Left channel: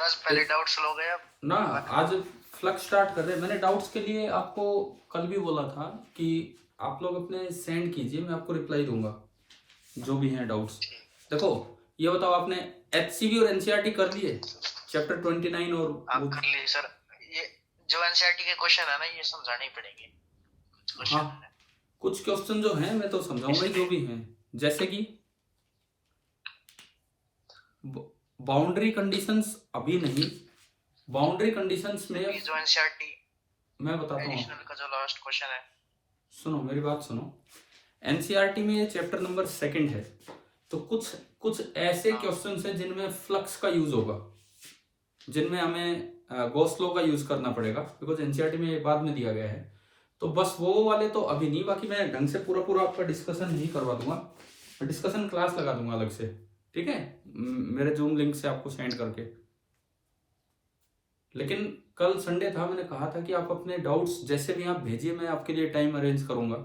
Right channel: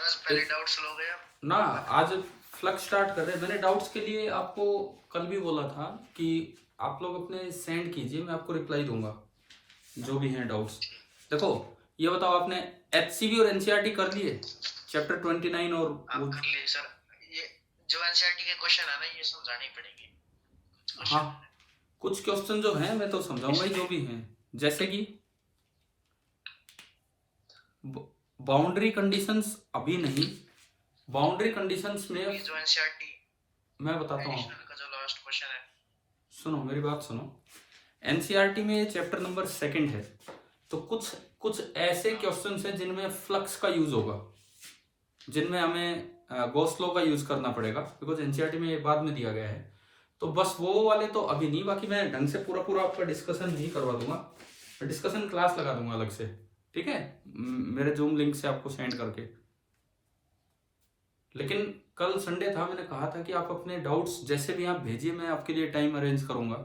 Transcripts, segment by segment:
Sir आज पहले doubts लोगे अब ना, आज फ्लक्स स्टार्ट कर रहे हैं। मैंने डाउट्स के लिए आपको कल भी बोला था कि आप लोग अपने सेंड कीजिए, मैं आपको रिप्लाई दूंगा जो भी हैं डाउट्स। देखो, ये बताओ, आपने एचसीवी और एनसीईआरटी कर लिए चैप्टर 29 और आप वो? कर लिए सर। ये जो एनसीईआरटी के क्वेश्चन है ना ये समझाने ही पड़ेंगे। हाँ, कुछ क्वेश्चन जो हैं मैं तो समझाऊंगा ही, जो भी हैं, जैसे कि बाउंड्री कंडीशंस अभी नहीं। बाउंड्री कंडीशंस में ये जो एनसीईआरटी मैं बताता हूँ, एडिशनल का जो लास्ट क्वेश्चन है, सुनो मेरी बात सुनो। एनसीईआरटी में ये चैप्टर नंबर 2 है, तो कुछ कुछ ऐसे क्वेश्चंस हैं जिनमें फ्लक्स का यूज होगा, जिनमें हमें गॉस लॉ का यूज करना पड़ेगा, बिकॉज एनसीईआरटी में ये बाद में दिया गया है। तो बस वो वाले तो अभी नहीं, बाकी मैं ढंग से पूरा पूरा आपका डिस्कशन नहीं करवा दूंगा, मैं डिस्कशन क्लास लगा दूंगा अलग से, ठीक है, मेरे जूम लिंक से आपको सेंड करके। लेकिन कल संडे था, मैंने कहा था कि आप अपने डाउट्स जैसे भी आप भेजिए, मैं आपके लिए टाइम अरेंज करूंगा,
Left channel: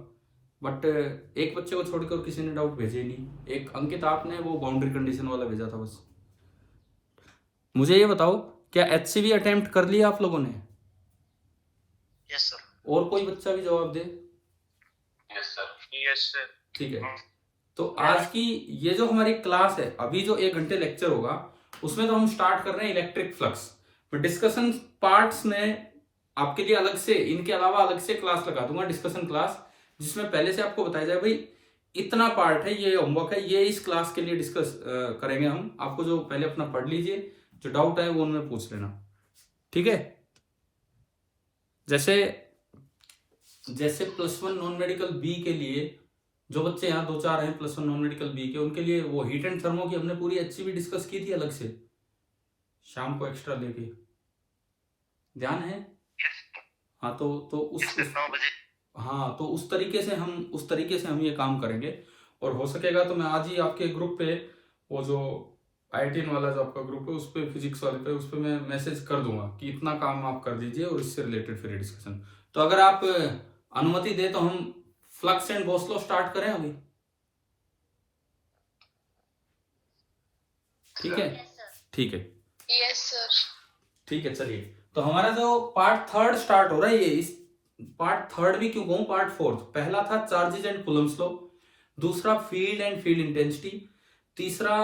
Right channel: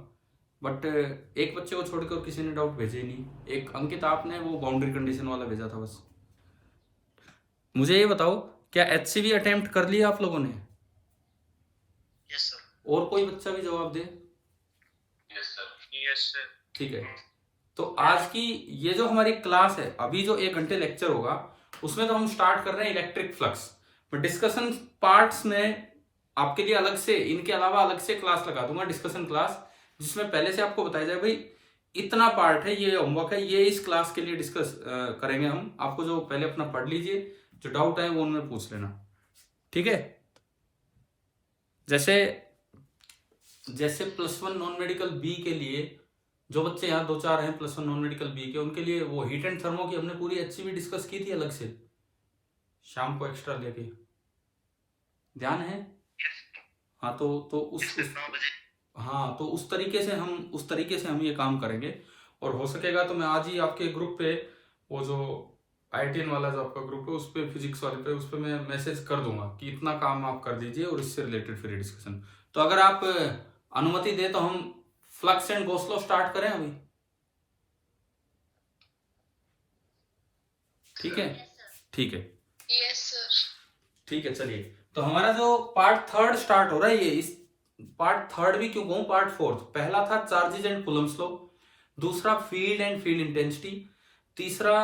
बट एक बच्चे को छोड़कर किसी ने डाउट भेजे ही नहीं। एक अंकित आपने वो बाउंड्री कंडीशन वाला भेजा था बस। मुझे ये बताओ, क्या एचसीवी अटेम्प्ट कर लिया आप लोगों ने? Yes sir. और कोई बच्चा भी जवाब दे। Yes sir. Yes sir. ठीक है, तो आज की ये जो हमारी क्लास है, अभी जो 1 घंटे लेक्चर होगा, उसमें तो हम स्टार्ट कर रहे हैं इलेक्ट्रिक फ्लक्स। पर डिस्कशन पार्ट्स में आपके लिए अलग से, इनके अलावा अलग से क्लास लगा दूंगा, डिस्कशन क्लास, जिसमें पहले से आपको बताया जाए भाई इतना पार्ट है, ये होमवर्क है, ये इस क्लास के लिए डिस्कस करेंगे हम। आपको जो पहले अपना पढ़ लीजिए, जो डाउट है वो उनमें पूछ लेना, ठीक है। जैसे जैसे +1 नॉन मेडिकल बी के लिए जो बच्चे यहाँ 2-4 हैं +1 नॉन मेडिकल बी के, उनके लिए वो हीट एंड थर्मो की हमने पूरी एचसीवी डिस्कस की थी अलग से, शाम को एक्स्ट्रा लेके, ध्यान है? हाँ, तो उस 9 बजे। हाँ, तो उस तरीके से हम ये काम करेंगे। और हो सकेगा तो मैं आज ही आपके ग्रुप पे, वो जो IITN वाला जो आपका ग्रुप है, उस पे फिजिक्स वाले पे, उस पे मैं मैसेज कर दूंगा कि इतना काम आप कर दीजिए और इससे रिलेटेड फिर डिस्कशन। तो अगर आप अनुमति दे तो हम flux and Gauss law start करें अभी, ठीक है? ठीक है, यस सर। ठीक है, चलिए। तो हमारा जो पार्ट 3 स्टार्ट हो रहा है, ये इस पार्ट 3 भी क्यों कहूं, पार्ट 4। पहला था चार्जेज एंड कूलम्स लॉ, दूसरा फील्ड एंड फील्ड इंटेंसिटी, तीसरा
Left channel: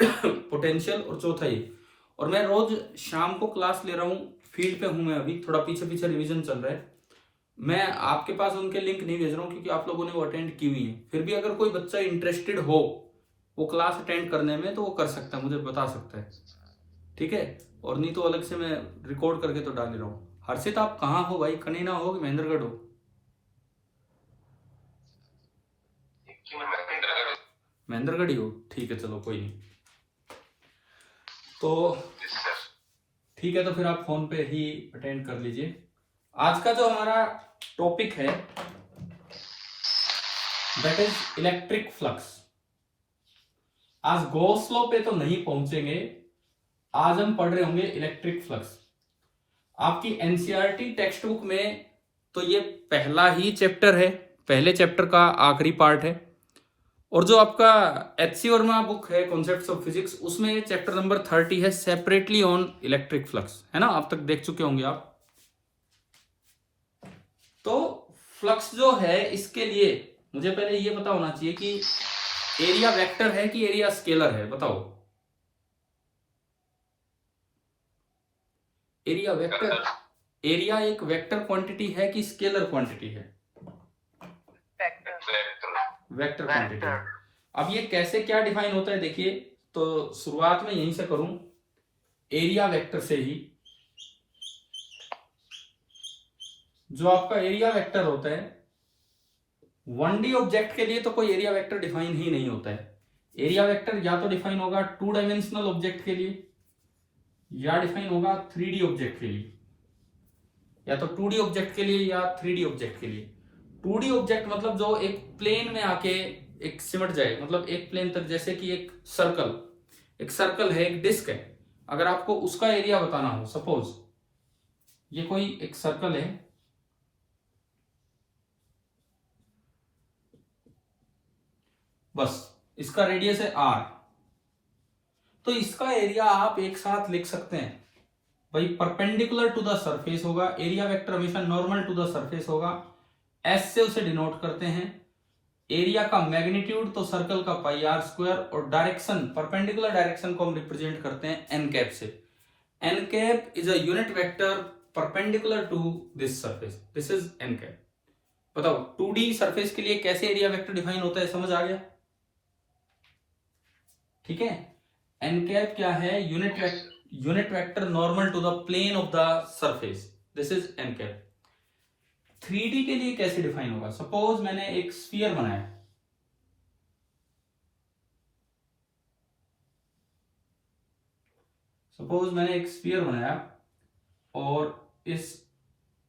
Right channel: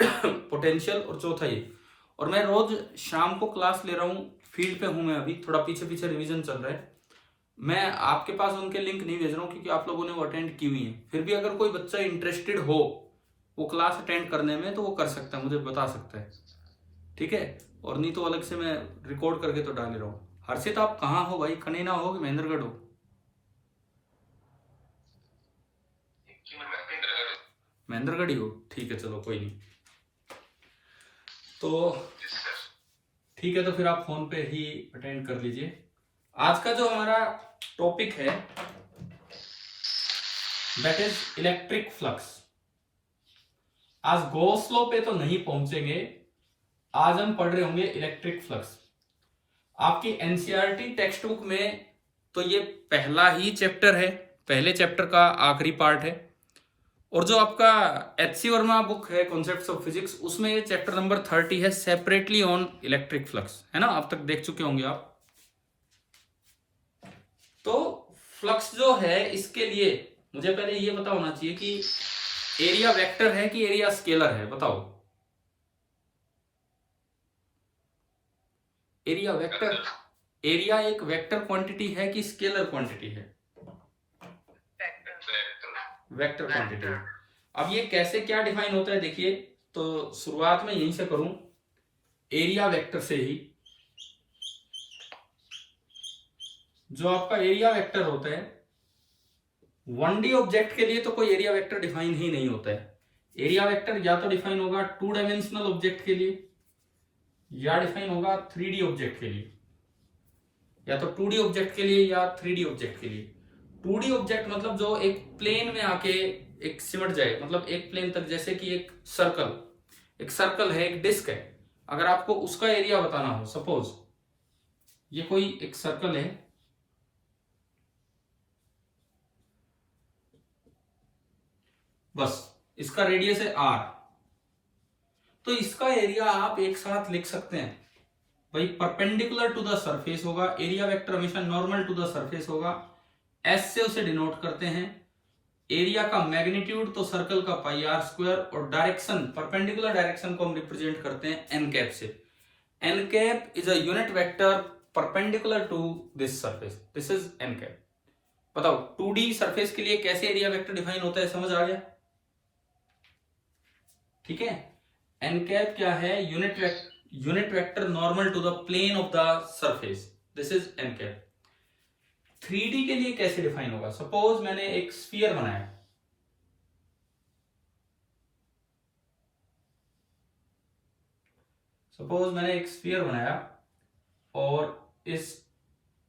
पोटेंशियल, और चौथा ये। और मैं रोज शाम को क्लास ले रहा हूँ, फील्ड पे हूं मैं अभी, थोड़ा पीछे पीछे रिवीजन चल रहा है। मैं आपके पास उनके लिंक नहीं भेज रहा हूँ क्योंकि आप लोगों ने वो अटेंड की हुई है। फिर भी अगर कोई बच्चा इंटरेस्टेड हो वो क्लास अटेंड करने में, तो वो कर सकता है, मुझे बता सकता है, ठीक है। और नहीं तो अलग से मैं रिकॉर्ड करके तो डाल ही रहा हूँ। हर्षित, आप कहाँ हो भाई? कनीना हो कि महेंद्रगढ़ हो? महेंद्रगढ़ ही हो, ठीक है, चलो कोई नहीं। तो ठीक है, तो फिर आप फोन पे ही अटेंड कर लीजिए। आज का जो हमारा टॉपिक है दैट इज इलेक्ट्रिक फ्लक्स। आज गॉस लॉ पे तो नहीं पहुंचेंगे, आज हम पढ़ रहे होंगे इलेक्ट्रिक फ्लक्स। आपकी एनसीईआरटी टेक्स्ट बुक में तो ये पहला ही चैप्टर है, पहले चैप्टर का आखिरी पार्ट है। और जो आपका HC वर्मा बुक है कॉन्सेप्ट्स ऑफ फिजिक्स, उसमें ये चैप्टर नंबर 30 है, सेपरेटली ऑन इलेक्ट्रिक फ्लक्स, है ना? अब तक देख चुके होंगे आप। तो फ्लक्स जो है, इसके लिए मुझे पहले ये पता होना चाहिए कि एरिया वेक्टर है कि एरिया स्केलर है, बताओ। एरिया वेक्टर, एरिया एक वेक्टर क्वांटिटी है कि स्केलर क्वांटिटी है? वेक्टर क्वांटिटी है। अब ये कैसे क्या डिफाइन होता है देखिए, तो शुरुआत में यहीं से करूं, एरिया वेक्टर से ही। जो आपका एरिया वेक्टर होता है 1D ऑब्जेक्ट के लिए तो कोई एरिया वेक्टर डिफाइन ही नहीं होता है। एरिया वेक्टर या तो डिफाइन होगा 2 डायमेंशनल ऑब्जेक्ट के लिए, या डिफाइन होगा 3D ऑब्जेक्ट के लिए, या तो 2D ऑब्जेक्ट के लिए या 3D ऑब्जेक्ट के लिए। 2D ऑब्जेक्ट मतलब जो एक प्लेन में आके एक सिमट जाए, मतलब एक प्लेन तक, जैसे कि एक सर्कल है, एक डिस्क है। अगर आपको उसका एरिया बताना हो, सपोज ये कोई एक सर्कल है, बस इसका रेडियस है R, तो इसका एरिया आप एक साथ लिख सकते हैं भाई परपेंडिकुलर टू द सरफेस होगा, एरिया वेक्टर हमेशा नॉर्मल टू द सरफेस होगा, एस से उसे डिनोट करते हैं। एरिया का मैग्नीट्यूड तो सर्कल का पाई आर स्क्वायर, और डायरेक्शन परपेंडिकुलर डायरेक्शन को हम रिप्रेजेंट करते हैं एन कैप से। N cap is a unit vector perpendicular to this surface, this is n cap. बताओ 2D सरफेस के लिए कैसे एरिया वेक्टर डिफाइन होता है, समझ आ गया? ठीक है, एन कैप क्या है? Unit vector normal to the plane of the surface, this is n cap. 3D के लिए कैसे डिफाइन होगा? सपोज मैंने एक स्फीयर बनाया, और इस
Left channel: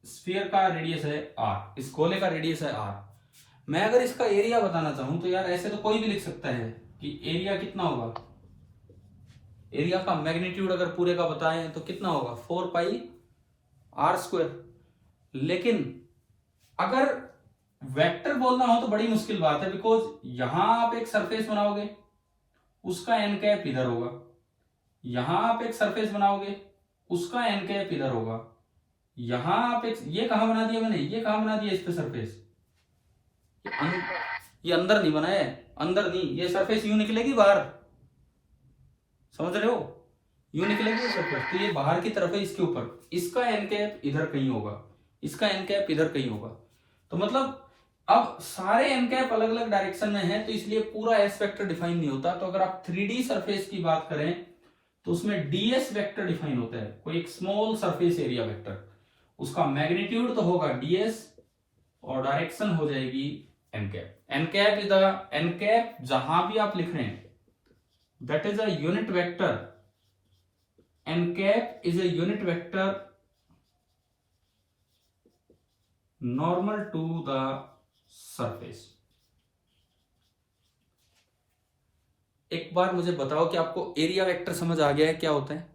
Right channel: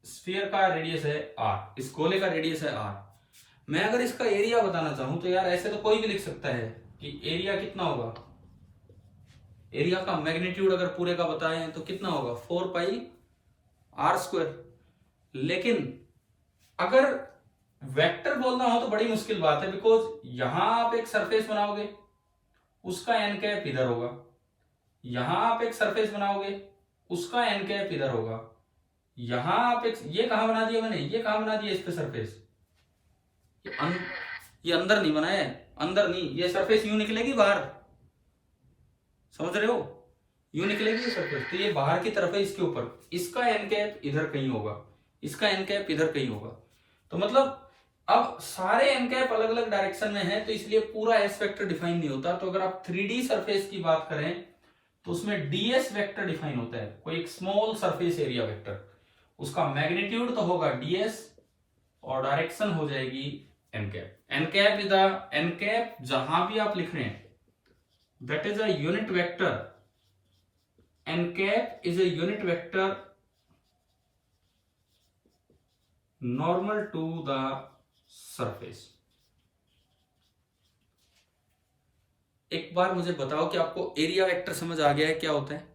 स्फीयर का रेडियस है r, इस गोले का रेडियस है r। मैं अगर इसका एरिया बताना चाहूं तो यार ऐसे तो कोई भी लिख सकता है कि एरिया कितना होगा, एरिया का मैग्नीट्यूड अगर पूरे का बताएं तो कितना होगा 4 पाई आर स्क्वायर। लेकिन अगर वेक्टर बोलना हो तो बड़ी मुश्किल बात है, बिकॉज यहां आप एक सरफेस बनाओगे उसका एन कैप इधर होगा, यहां आप एक सरफेस बनाओगे उसका एन कैप इधर होगा, यहां आप एक, ये कहां बना दिया मैंने, ये कहां बना दिया इस पे सरफेस, ये अंदर नहीं बनाया है, अंदर नहीं, ये सरफेस यूं निकलेगी बाहर, समझ रहे हो, यूं निकलेगी ये सरफेस, तो ये बाहर की तरफ है इसके ऊपर, इसका एन कैप इधर कहीं होगा, इसका एन कैप इधर कहीं होगा। तो मतलब अब सारे एन कैप अलग अलग डायरेक्शन में है, तो इसलिए पूरा एस वेक्टर डिफाइन नहीं होता। तो अगर आप 3D सरफेस की बात करें तो उसमें डीएस वेक्टर डिफाइन होता है, कोई एक स्मॉल सरफेस एरिया वेक्टर, उसका मैग्नीट्यूड तो होगा डीएस और डायरेक्शन हो जाएगी n cap. N cap is the, n cap जहां भी आप लिख रहे हैं that is a unit vector, n cap is a unit vector normal to the surface. एक बार मुझे बताओ कि आपको एरिया वेक्टर समझ आ गया है क्या होता है?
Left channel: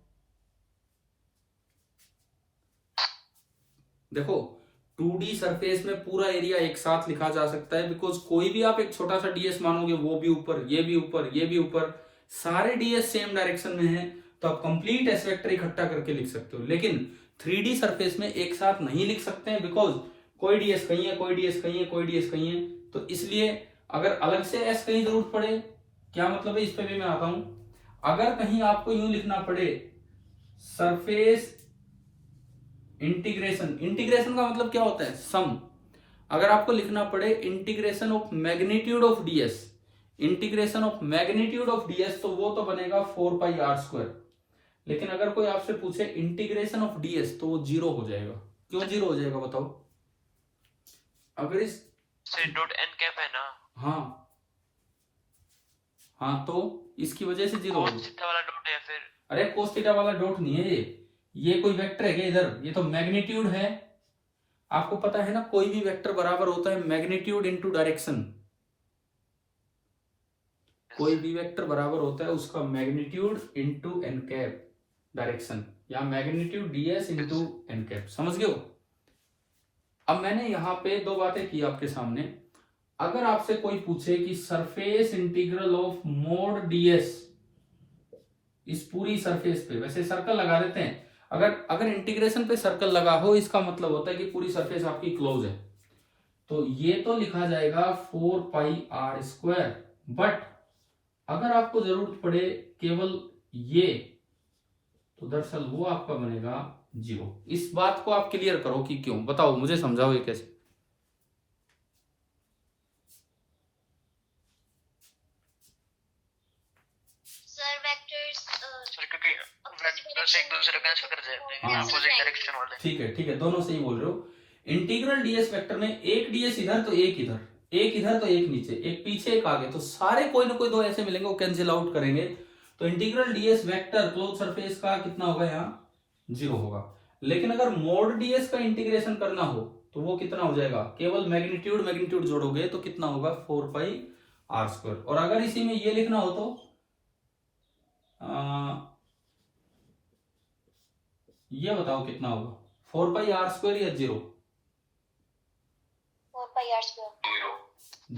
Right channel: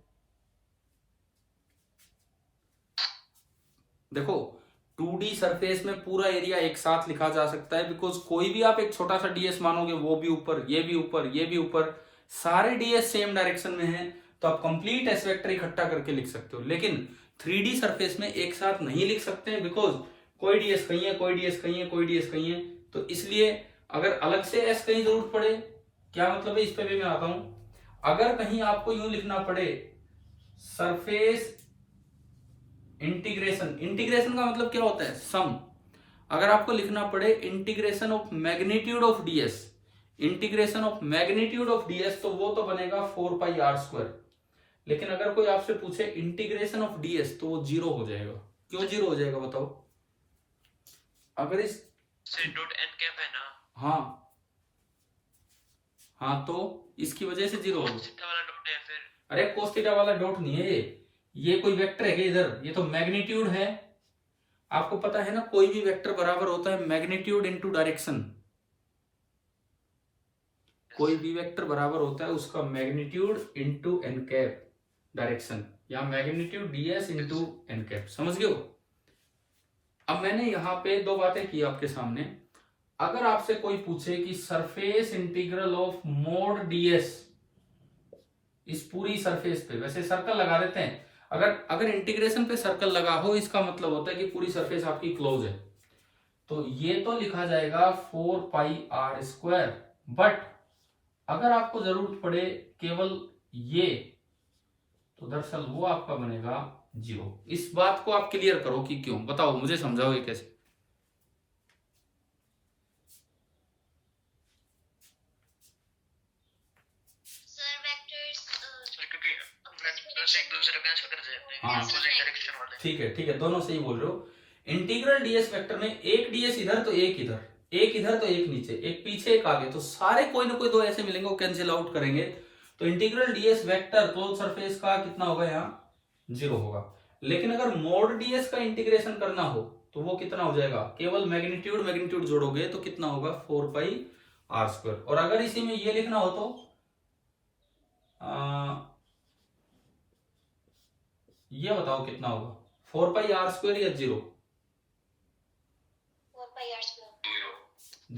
देखो 2D सरफेस में पूरा एरिया एक साथ लिखा जा सकता है, बिकॉज कोई भी आप एक छोटा सा डीएस मानोगे, वो भी ऊपर, ये भी ऊपर, ये भी ऊपर, सारे डीएस सेम डायरेक्शन में हैं, तो आप कंप्लीट एस वेक्टर इकट्ठा करके लिख सकते हो। लेकिन 3D सरफेस में एक साथ नहीं लिख सकते हैं, बिकॉज कोई डीएस कहीं है, कोई डीएस कहीं है, कोई डीएस कहीं है, तो इसलिए अगर अलग से एस कहीं जरूरत पड़े, क्या मतलब है इस पे भी मैं आता हूं, अगर कहीं आपको यूं लिखना पड़े सरफेस इंटीग्रेशन, इंटीग्रेशन का मतलब क्या होता है, सम, अगर आपको लिखना पड़े integration of magnitude of DS, integration of magnitude of DS, तो वो तो बनेगा 4 पाई आर स्क्वायर। लेकिन अगर कोई आपसे पूछे इंटीग्रेशन ऑफ डीएस तो वो 0 हो जाएगा। क्यों 0 हो जाएगा बताओ? अगर इस डॉट एन कैप है ना, हाँ हाँ, तो इसकी वजह से 0 हो cos थीटा वाला डॉट है फिर। अरे cos थीटा वाला डॉट नहीं है ये कोई वेक्टर है क्या इधर, ये तो मैग्नीट्यूड है। आपको पता है ना कोई भी वेक्टर बराबर होता है मैग्नीट्यूड इनटू डायरेक्शन, कोई भी वेक्टर बराबर होता है उसका magnitude into an cap direction, या magnitude DS into an cap, समझ गए हो? अब मैंने यहां पे दो बातें की आपके सामने। अगर आपसे कोई पूछे कि surface integral of mode DS इस पूरी सरफेस पे, वैसे सर्कल लगा देते हैं, अगर इंटीग्रेशन पे सर्कल लगा हो इसका मतलब होता है कि पूरी सरफेस आपकी क्लोज है, तो ये तो लिखा जाएगा 4 पाई आर स्क्वायर। बट अगर आपको जरूरत पड़े केवल ये, तो दरअसल वो आपका बनेगा 0। इस बात को आप क्लियर करो कि क्यों, बताओ मुझे, समझाओ ये कैसे। एक दूसरे का ऐसा कर जाते हैं, हाँ अपोजिट डायरेक्शन वाले। ठीक है, दोनों सही बोल रहे हो। इंटीग्रल डीएस वेक्टर में एक डीएस इधर तो एक इधर, एक इधर तो एक नीचे, एक पीछे एक आगे, तो सारे कोई ना कोई दो ऐसे मिलेंगे, वो कैंसिल आउट करेंगे, तो integral DS vector close surface का कितना होगा, यहाँ 0 होगा। लेकिन अगर मोड डीएस का इंटीग्रेशन करना हो तो वो कितना हो जाएगा, केवल मैग्नीट्यूड जोड़ोगे तो कितना होगा 4 पाई आर स्क्वायर। और अगर इसी में ये लिखना हो तो ये बताओ कितना होगा, 4 पाई आर स्क्वायर या 0? 4 पाई आर स्क्वायर।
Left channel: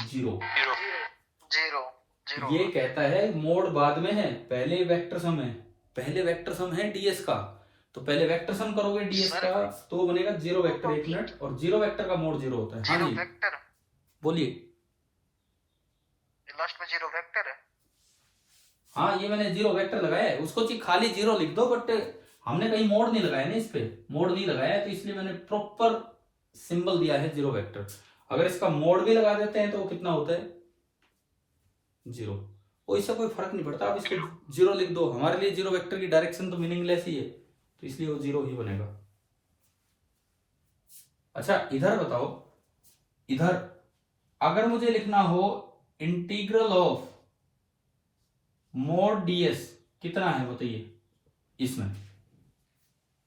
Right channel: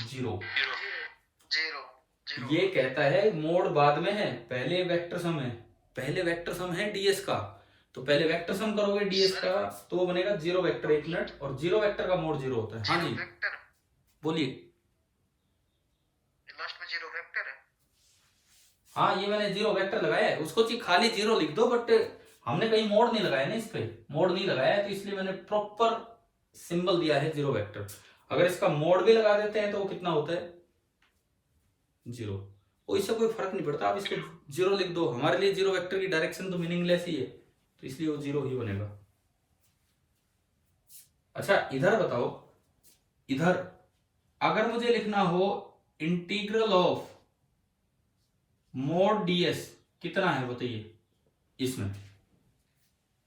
0। जीरो। ये कहता है मोड बाद में है, पहले वेक्टर सम है, पहले वेक्टर सम है डीएस का, तो पहले वेक्टर सम करोगे डीएस सर। का तो बनेगा जीरो वेक्टर, एक मिनट, और जीरो वेक्टर का मोड जीरो होता है। हाँ जी वेक्टर, बोलिए। लास्ट में जीरो वेक्टर है। हाँ ये मैंने जीरो वेक्टर लगाया है, उसको खाली जीरो लिख दो, बट हमने कहीं मोड नहीं लगाया ना, इस पे मोड नहीं लगाया है, तो इसलिए मैंने प्रॉपर सिंबल दिया है जीरो वेक्टर। अगर इसका मोड भी लगा देते हैं तो वो कितना होता है, जीरो। वो इससे कोई फर्क नहीं पड़ता, आप इसको जीरो लिख दो, हमारे लिए जीरो वेक्टर की डायरेक्शन तो मीनिंगलेस ही है, तो इसलिए वो जीरो ही बनेगा। अच्छा इधर बताओ, इधर अगर मुझे लिखना हो इंटीग्रल ऑफ मोड डीएस कितना है बताइए, इसमें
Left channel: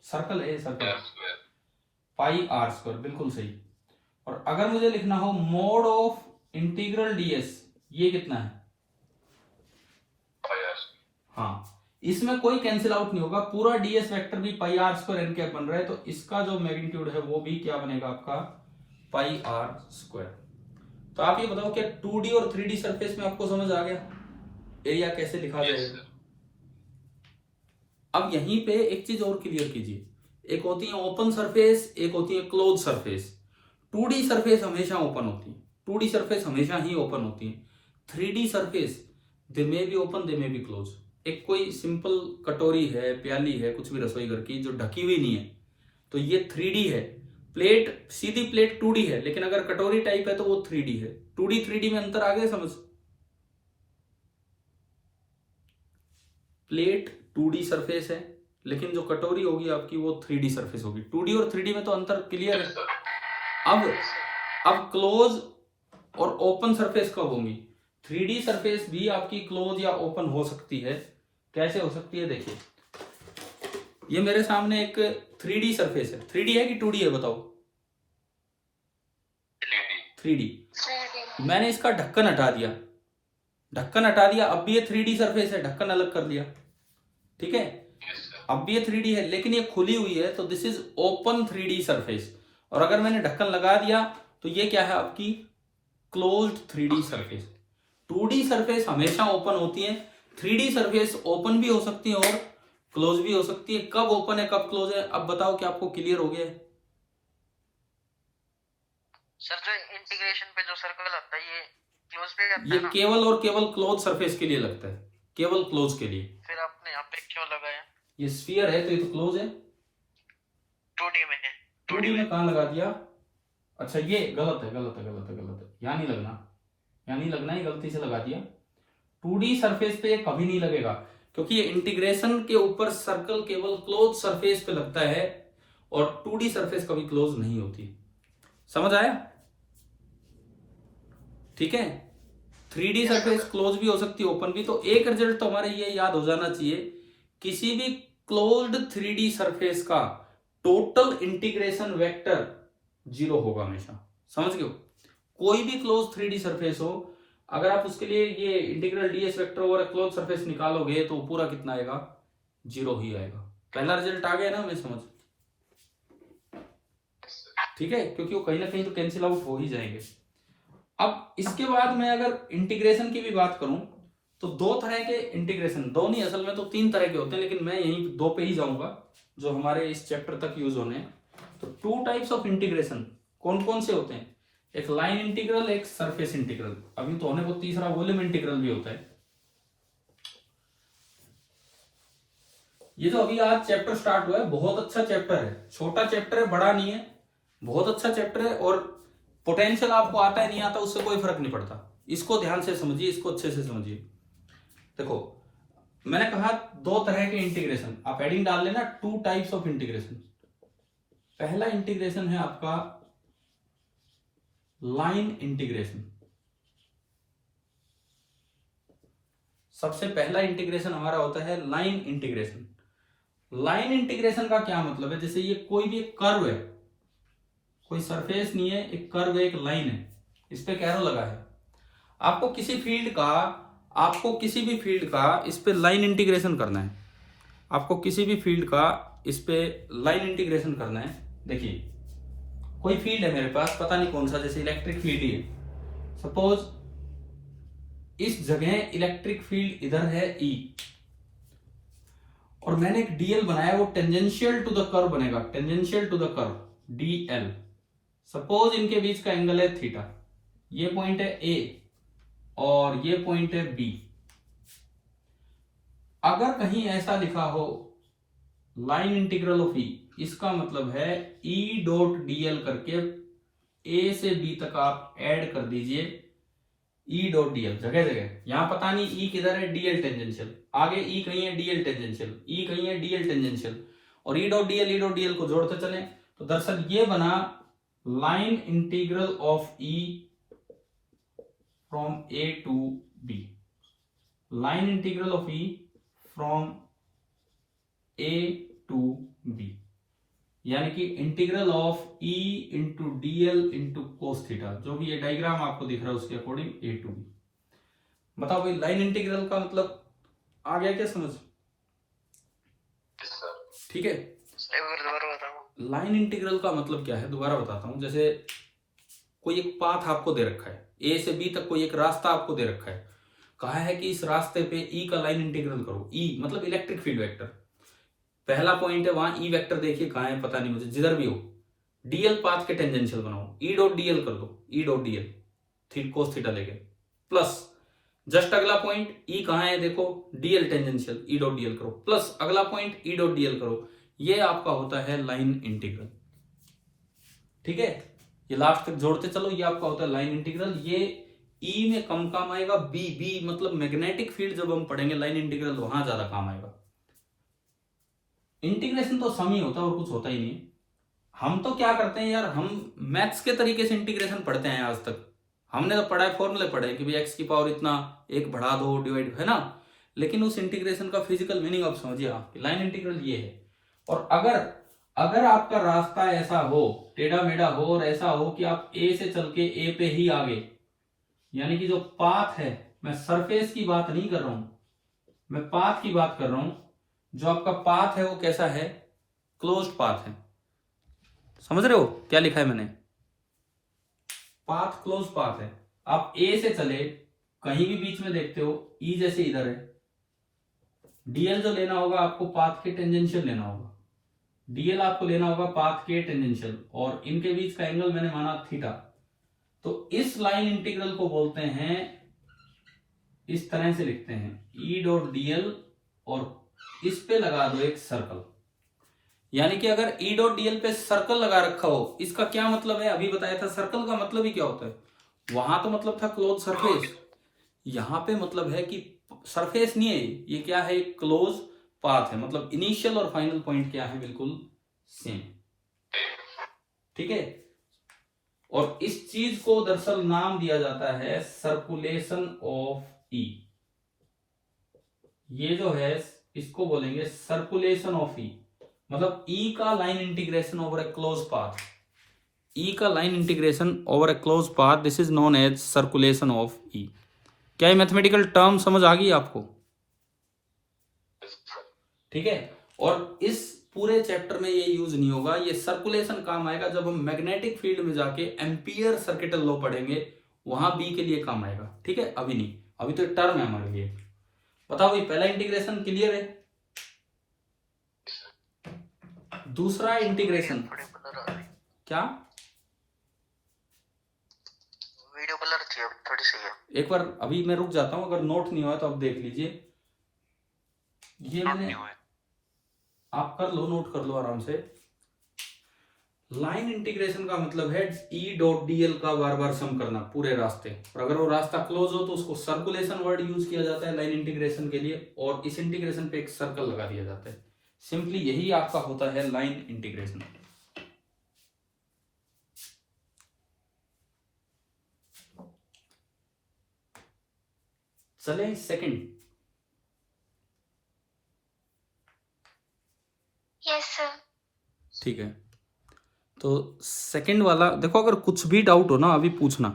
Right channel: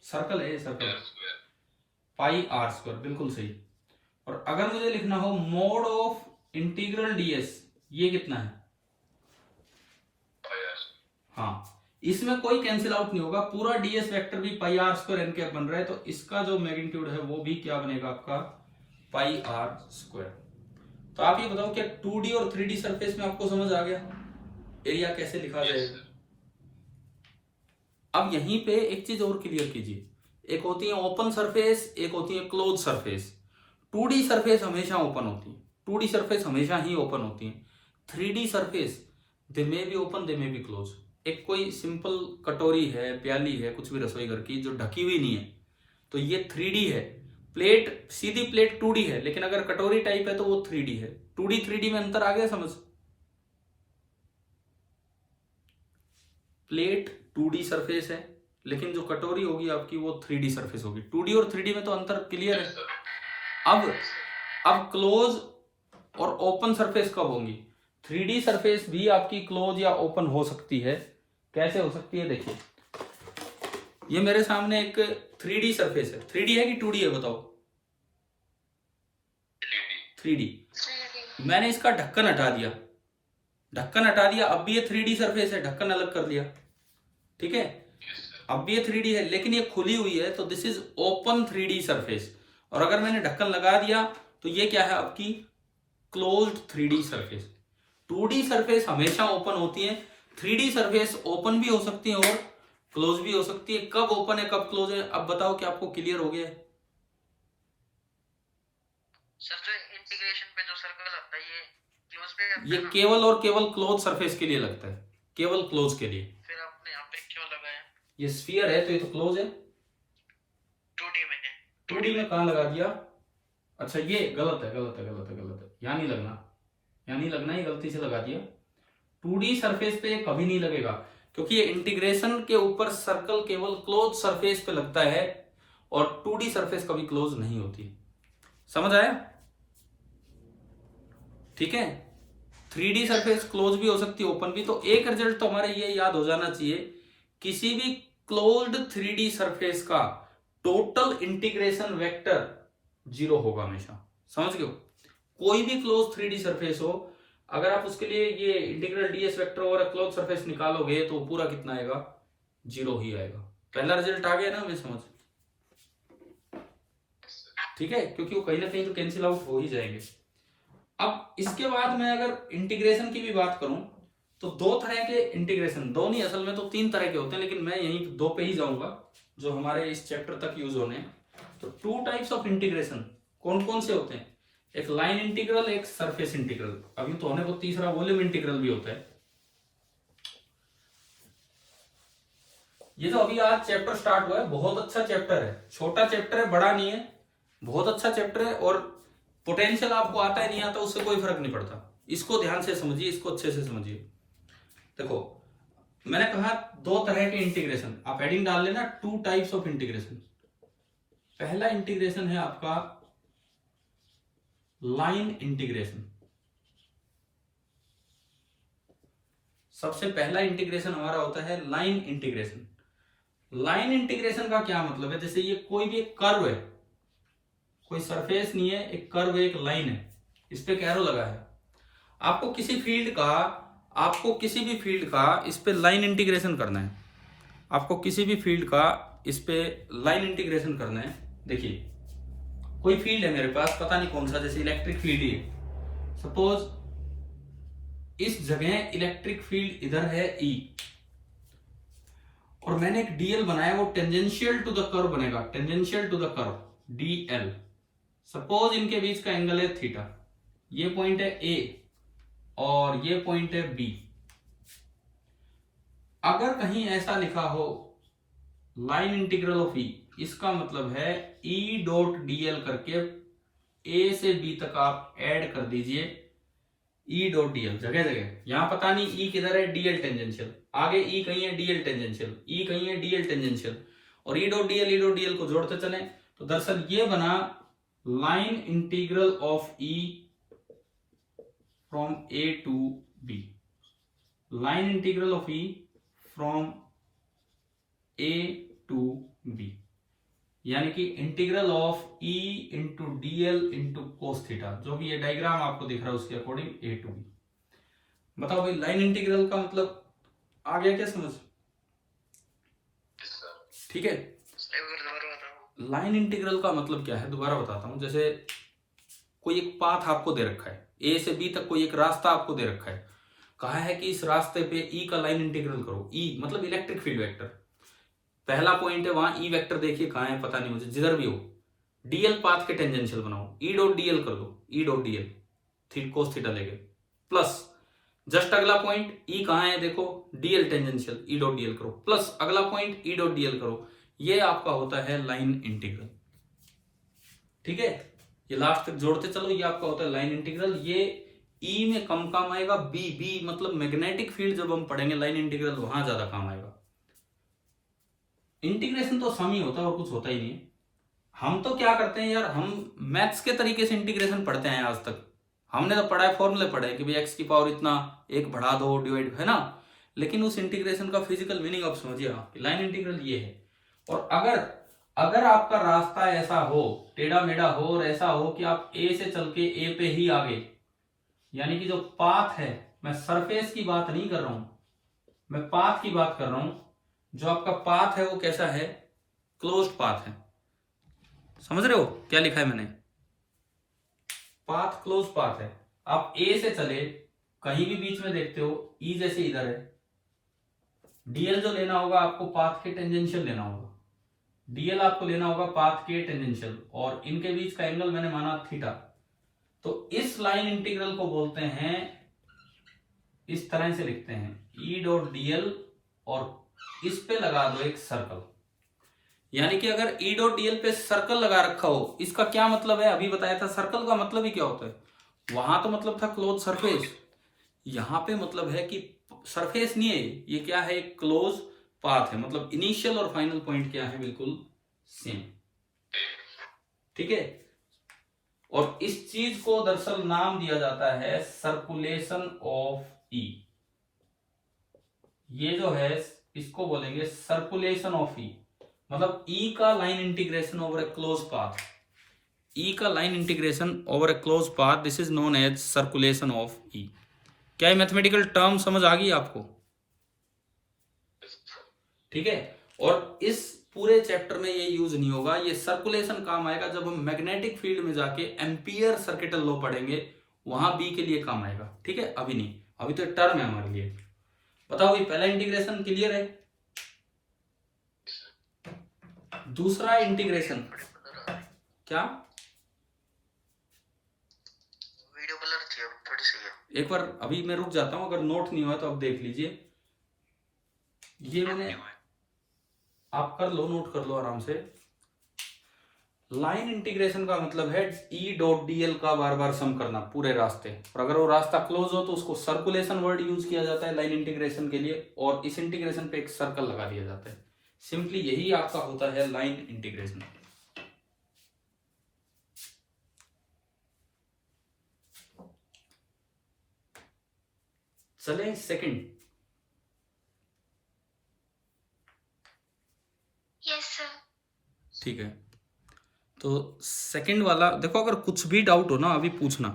सर्कल है, सर्कल पाई आर स्क्वायर, बिल्कुल सही। और अगर मुझे लिखना हो मोड ऑफ इंटीग्रल डीएस, ये कितना है, हाँ इसमें कोई कैंसिल आउट नहीं होगा, पूरा डीएस वेक्टर भी पाई आर स्क्वायर एन कैप बन रहा है, तो इसका जो मैग्नीट्यूड है वो भी क्या बनेगा आपका, पाई आर स्क्वायर। तो आप ये बताओ क्या 2D और 3D सरफेस में आपको समझ आ गया एरिया कैसे लिखा जाएगा। अब यहीं पे एक चीज और क्लियर कीजिए, एक होती है ओपन सरफेस, एक होती है क्लोज सरफेस। 2D सरफेस हमेशा ओपन होती है, 2D सरफेस हमेशा ही ओपन होती है। 3D surface they may be open, they may be close. एक कोई सिंपल कटोरी है, प्याली है, कुछ भी रसोई घर की जो ढकी हुई नहीं है, तो ये 3D है। प्लेट, सीधी प्लेट 2D है, लेकिन अगर कटोरी टाइप है तो वो 3D है। 2D 3D में अंतर आ गया समझ। प्लेट 2D सरफेस है, लेकिन जो कटोरी होगी आपकी वो 3D सरफेस होगी। 2D और 3D में तो अंतर क्लियर है। अब क्लोज और ओपन सरफेस कब होंगी, 3D सरफेस भी आपकी क्लोज या ओपन हो सकती है। कैसे हो सकती है, देखिए ये मेरे सामने एक 3D सरफेस है। 3D है कि 2D है बताओ, 3D। मैंने इसका ढक्कन हटा दिया, ढक्कन हटा दिया, अब भी ये 3D सरफेस है, ढक्कन अलग कर लिया, ठीक है, अब भी ये 3D है, लेकिन ये खुली हुई है, तो this is open 3D surface. और अगर मैंने ढक्कन लगा दिया तो ये क्या है आपकी closed 3D surface. 2D surface हमेशा ओपन होती है, 3D सरफेस ओपन भी हो सकती है और क्लोज भी हो सकती है। कब ओपन है कब क्लोज है, अब बताओ कि आपको क्लियर हो गया है। सर जो इंटीग्रेशन पे जो सर्कल आता है ये क्लोज पे जाता ये है ना? केवल और केवल क्लोज सरफेस के लिए लगता है, केवल क्लोज के लिए। फिर आपने यहाँ पे क्यों लगाया? ये स्फीयर है तो ये तो क्लोज है। 2D में है। 2D में कहां लगा दिया, अच्छा ये गलत है, गलत है, गलत है, गलत है, यहाँ नहीं लगना, यहाँ नहीं लगना, ये गलती से लगा दिया। 2D सरफेस पे कभी नहीं लगेगा, क्योंकि ये इंटीग्रेशन के ऊपर सर्कल केवल क्लोज सरफेस पे लगता है और 2D सरफेस कभी क्लोज नहीं होती। समझ आया, ठीक है। 3D सरफेस क्लोज भी हो सकती है, ओपन भी। तो एक रिजल्ट तो हमारे ये याद हो जाना चाहिए, किसी भी क्लोज्ड 3D सरफेस का टोटल इंटीग्रेशन वेक्टर 0 होगा हमेशा। समझ गए, कोई भी क्लोज 3D सरफेस हो, अगर आप उसके लिए ये इंटीग्रल डीएस वेक्टर और क्लोज सरफेस निकालोगे तो पूरा कितना आएगा, 0 ही आएगा। पहला रिजल्ट आ गया ना हमें समझ, ठीक है, क्योंकि वो कहीं ना कहीं तो कैंसिल आउट हो ही जाएंगे। अब इसके बाद मैं अगर इंटीग्रेशन की भी बात करूं तो दो तरह के इंटीग्रेशन, दो नहीं असल में तो 3 तरह के होते हैं, लेकिन मैं यहीं 2 पे ही जाऊंगा जो हमारे इस चैप्टर तक यूज होने हैं। तो 2 टाइप्स ऑफ इंटीग्रेशन कौन कौन से होते हैं, एक लाइन इंटीग्रल, एक सरफेस इंटीग्रल। अभी तो होने को तीसरा वॉल्यूम इंटीग्रल भी होता है। ये तो अभी आज चैप्टर स्टार्ट हुआ है, बहुत अच्छा चैप्टर है, छोटा चैप्टर है, बड़ा नहीं है, बहुत अच्छा चैप्टर है। और पोटेंशियल आपको आता है नहीं आता उससे कोई फर्क नहीं पड़ता, इसको ध्यान से समझिए, इसको अच्छे से समझिए। देखो मैंने कहा 2 तरह के इंटीग्रेशन, आप हेडिंग डाल लेना 2 टाइप्स ऑफ इंटीग्रेशन। पहला इंटीग्रेशन है आपका लाइन इंटीग्रेशन। सबसे पहला इंटीग्रेशन हमारा होता है लाइन इंटीग्रेशन। लाइन इंटीग्रेशन का क्या मतलब है, जैसे ये कोई भी एक कर्व है, कोई सरफेस नहीं है, एक कर्व है, एक लाइन है, इस पे कैरो लगा है, आपको किसी भी फील्ड का इस पे लाइन इंटीग्रेशन करना है, आपको किसी भी फील्ड का इस पे लाइन इंटीग्रेशन करना है। देखिए कोई फील्ड है मेरे पास, पता नहीं कौन सा, जैसे इलेक्ट्रिक फील्ड ही है, सपोज इस जगह इलेक्ट्रिक फील्ड इधर है E, और मैंने एक डीएल बनाया, वो टेंजेंशियल टू द कर्व बनेगा, tangential to the curve dl. Suppose इनके बीच का एंगल है थीटा, ये पॉइंट है ए और ये पॉइंट है बी। अगर कहीं ऐसा लिखा हो लाइन इंटीग्रल ऑफ ई, इसका मतलब है ई डॉट डीएल करके ए से बी तक आप ऐड कर दीजिए ई डॉट डीएल जगह जगह। यहां पता नहीं ई किधर है, डीएल टेंजेंशियल, आगे ई कहीं है डीएल टेंजेंशियल, ई कहीं है डीएल टेंजेंशियल, और ई डॉट डीएल को जोड़ते चले। तो दरअसल ये बना line integral of E from A to B, line integral of E from A to B, यानी कि integral of E into dl into cos theta, जो भी ये डायग्राम आपको दिख रहा है उसके अकॉर्डिंग ए टू बी। बताओ भाई लाइन इंटीग्रल का मतलब आ गया क्या समझ? ठीक है, लाइन इंटीग्रल का मतलब क्या है दोबारा बताता हूं। जैसे कोई एक पाथ आपको दे रखा है, ए से बी तक कोई एक रास्ता आपको दे रखा है, कहा है कि इस रास्ते पे ई का लाइन इंटीग्रल करो। ई मतलब इलेक्ट्रिक फील्ड वेक्टर, पहला पॉइंट है वहां ई वेक्टर देखिए कहां है पता नहीं मुझे, जिधर भी हो डीएल पाथ के टेंजेंशियल बनाओ, ई डॉट डीएल कर दो, E dot DL cos theta लेके, प्लस जस्ट अगला पॉइंट ई कहां है देखो, DL tangential, E dot DL करो, प्लस अगला पॉइंट ई डॉट डीएल करो। ये आपका होता है लाइन इंटीग्रल। ठीक है, ये लास्ट तक जोड़ते चलो, ये आपका होता है लाइन इंटीग्रल। ये ई में कम काम आएगा, बी बी मतलब मैग्नेटिक फील्ड जब हम पढ़ेंगे लाइन इंटीग्रल वहां ज्यादा काम आएगा। इंटीग्रेशन तो सम ही होता है और कुछ होता ही नहीं। हम तो क्या करते हैं यार, हम मैथ्स के तरीके से इंटीग्रेशन पढ़ते हैं आज तक। हमने तो पढ़ा है, फॉर्मूले पढ़े कि भाई एक्स की पावर इतना, एक बढ़ा दो डिवाइड, है ना। लेकिन उस इंटीग्रेशन का फिजिकल मीनिंग आप समझिए, आप लाइन इंटीग्रल ये है। और अगर आपका रास्ता ऐसा हो, टेढ़ा मेढ़ा हो और ऐसा हो कि आप ए से चल के ए पे ही आगे, यानी कि जो पाथ है, मैं सरफेस की बात नहीं कर रहा हूं, मैं पाथ की बात कर रहा हूं। जो आपका पाथ है वो कैसा है, क्लोज्ड पाथ है। समझ रहे हो क्या लिखा है मैंने, पाथ क्लोज पाथ है। आप ए से चले, कहीं भी बीच में देखते हो ई जैसे इधर है, डीएल जो लेना होगा आपको पाथ के टेंजेंशियल लेना होगा, डीएल आपको लेना होगा पाथ के टेंजेंशियल, और इनके बीच का एंगल मैंने माना थीटा। तो इस लाइन इंटीग्रल को बोलते हैं, इस तरह से लिखते हैं ई डॉट डीएल, और इस पे लगा दो एक सर्कल। यानी कि अगर ई डॉट डीएल पे सर्कल लगा रखा हो, इसका क्या मतलब है, अभी बताया था सर्कल का मतलब ही क्या होता है। वहां तो मतलब था क्लोज सरफेस, यहां पे मतलब है कि सरफेस नहीं है, ये क्या है, एक क्लोज पाथ है। मतलब इनिशियल और फाइनल पॉइंट क्या है, बिल्कुल सेम। ठीक है, और इस चीज को दरअसल नाम दिया जाता है सर्कुलेशन ऑफ ई। ये जो है इसको बोलेंगे सर्कुलेशन ऑफ ई, मतलब ई का line integration over a close path, E का line integration over a close path, this is known as circulation of E. क्या ये मैथमेटिकल टर्म समझ आ गई आपको? ठीक है, और इस पूरे चैप्टर में ये यूज नहीं होगा, ये सर्कुलेशन काम आएगा जब हम मैग्नेटिक फील्ड में जाके एम्पियर सर्किटल लॉ पढ़ेंगे, वहां बी के लिए काम आएगा। ठीक है, अभी नहीं, अभी तो टर्म है हमारे लिए। बताओ भाई, पहला इंटीग्रेशन क्लियर है, दूसरा इंटीग्रेशन क्या, वीडियो ब्लर थी अब थोड़ी सी है। एक बार अभी मैं रुक जाता हूं, अगर नोट नहीं हुआ तो आप देख लीजिए। ये मैंने, आप कर लो, नोट कर लो आराम से। लाइन इंटीग्रेशन का मतलब है ई डॉट डीएल का बार बार सम करना पूरे रास्ते, और अगर वो रास्ता क्लोज हो तो उसको सर्कुलेशन वर्ड यूज किया जाता है लाइन इंटीग्रेशन के लिए, और इस इंटीग्रेशन पे एक सर्कल लगा दिया जाता है। सिंपली यही आपका होता है लाइन इंटीग्रेशन। चले सेकंड। Yes sir. ठीक है, तो सेकंड वाला देखो, अगर कुछ भी डाउट हो ना अभी पूछना।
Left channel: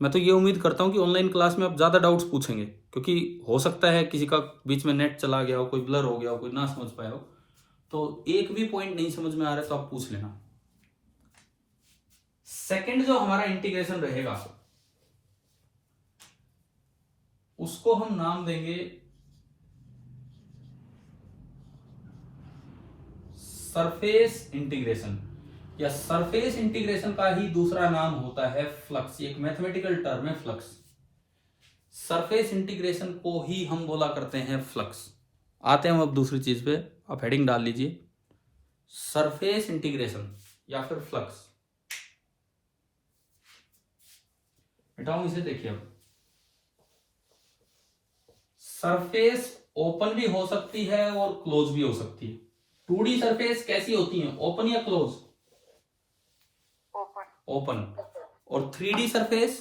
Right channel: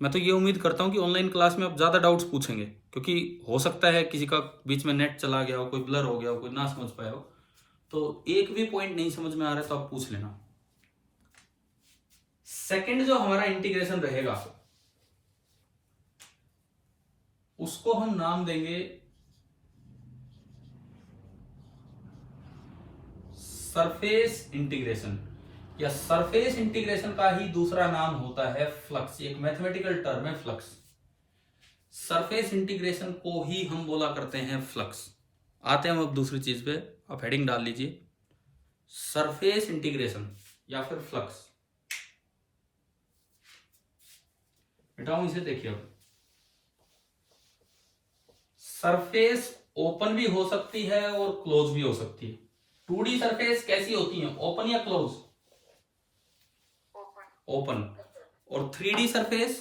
मैं तो ये उम्मीद करता हूँ कि ऑनलाइन क्लास में आप ज़्यादा डाउट्स पूछेंगे, क्योंकि हो सकता है किसी का बीच में नेट चला गया हो, कोई ब्लर हो गया हो, कोई ना समझ पाया हो, तो एक भी पॉइंट नहीं समझ में आ रहा है तो आप पूछ लेना। सेकंड जो हमारा इंटीग्रेशन रहेगा उसको हम नाम देंगे सरफेस इंटीग्रेशन या सरफेस इंटीग्रेशन का ही दूसरा नाम होता है फ्लक्स। एक मैथमेटिकल टर्म है फ्लक्स। सरफेस इंटीग्रेशन को ही हम बोला करते हैं फ्लक्स। आते हैं हम अब दूसरी चीज पे, आप हेडिंग डाल लीजिए, सरफेस इंटीग्रेशन या फिर फ्लक्स। बेटा इसे देखिए, अब सरफेस ओपन भी हो सकती है और क्लोज भी हो सकती है। 2D सरफेस कैसी होती है, ओपन या क्लोज? ओपन। ओपन। और 3D सरफेस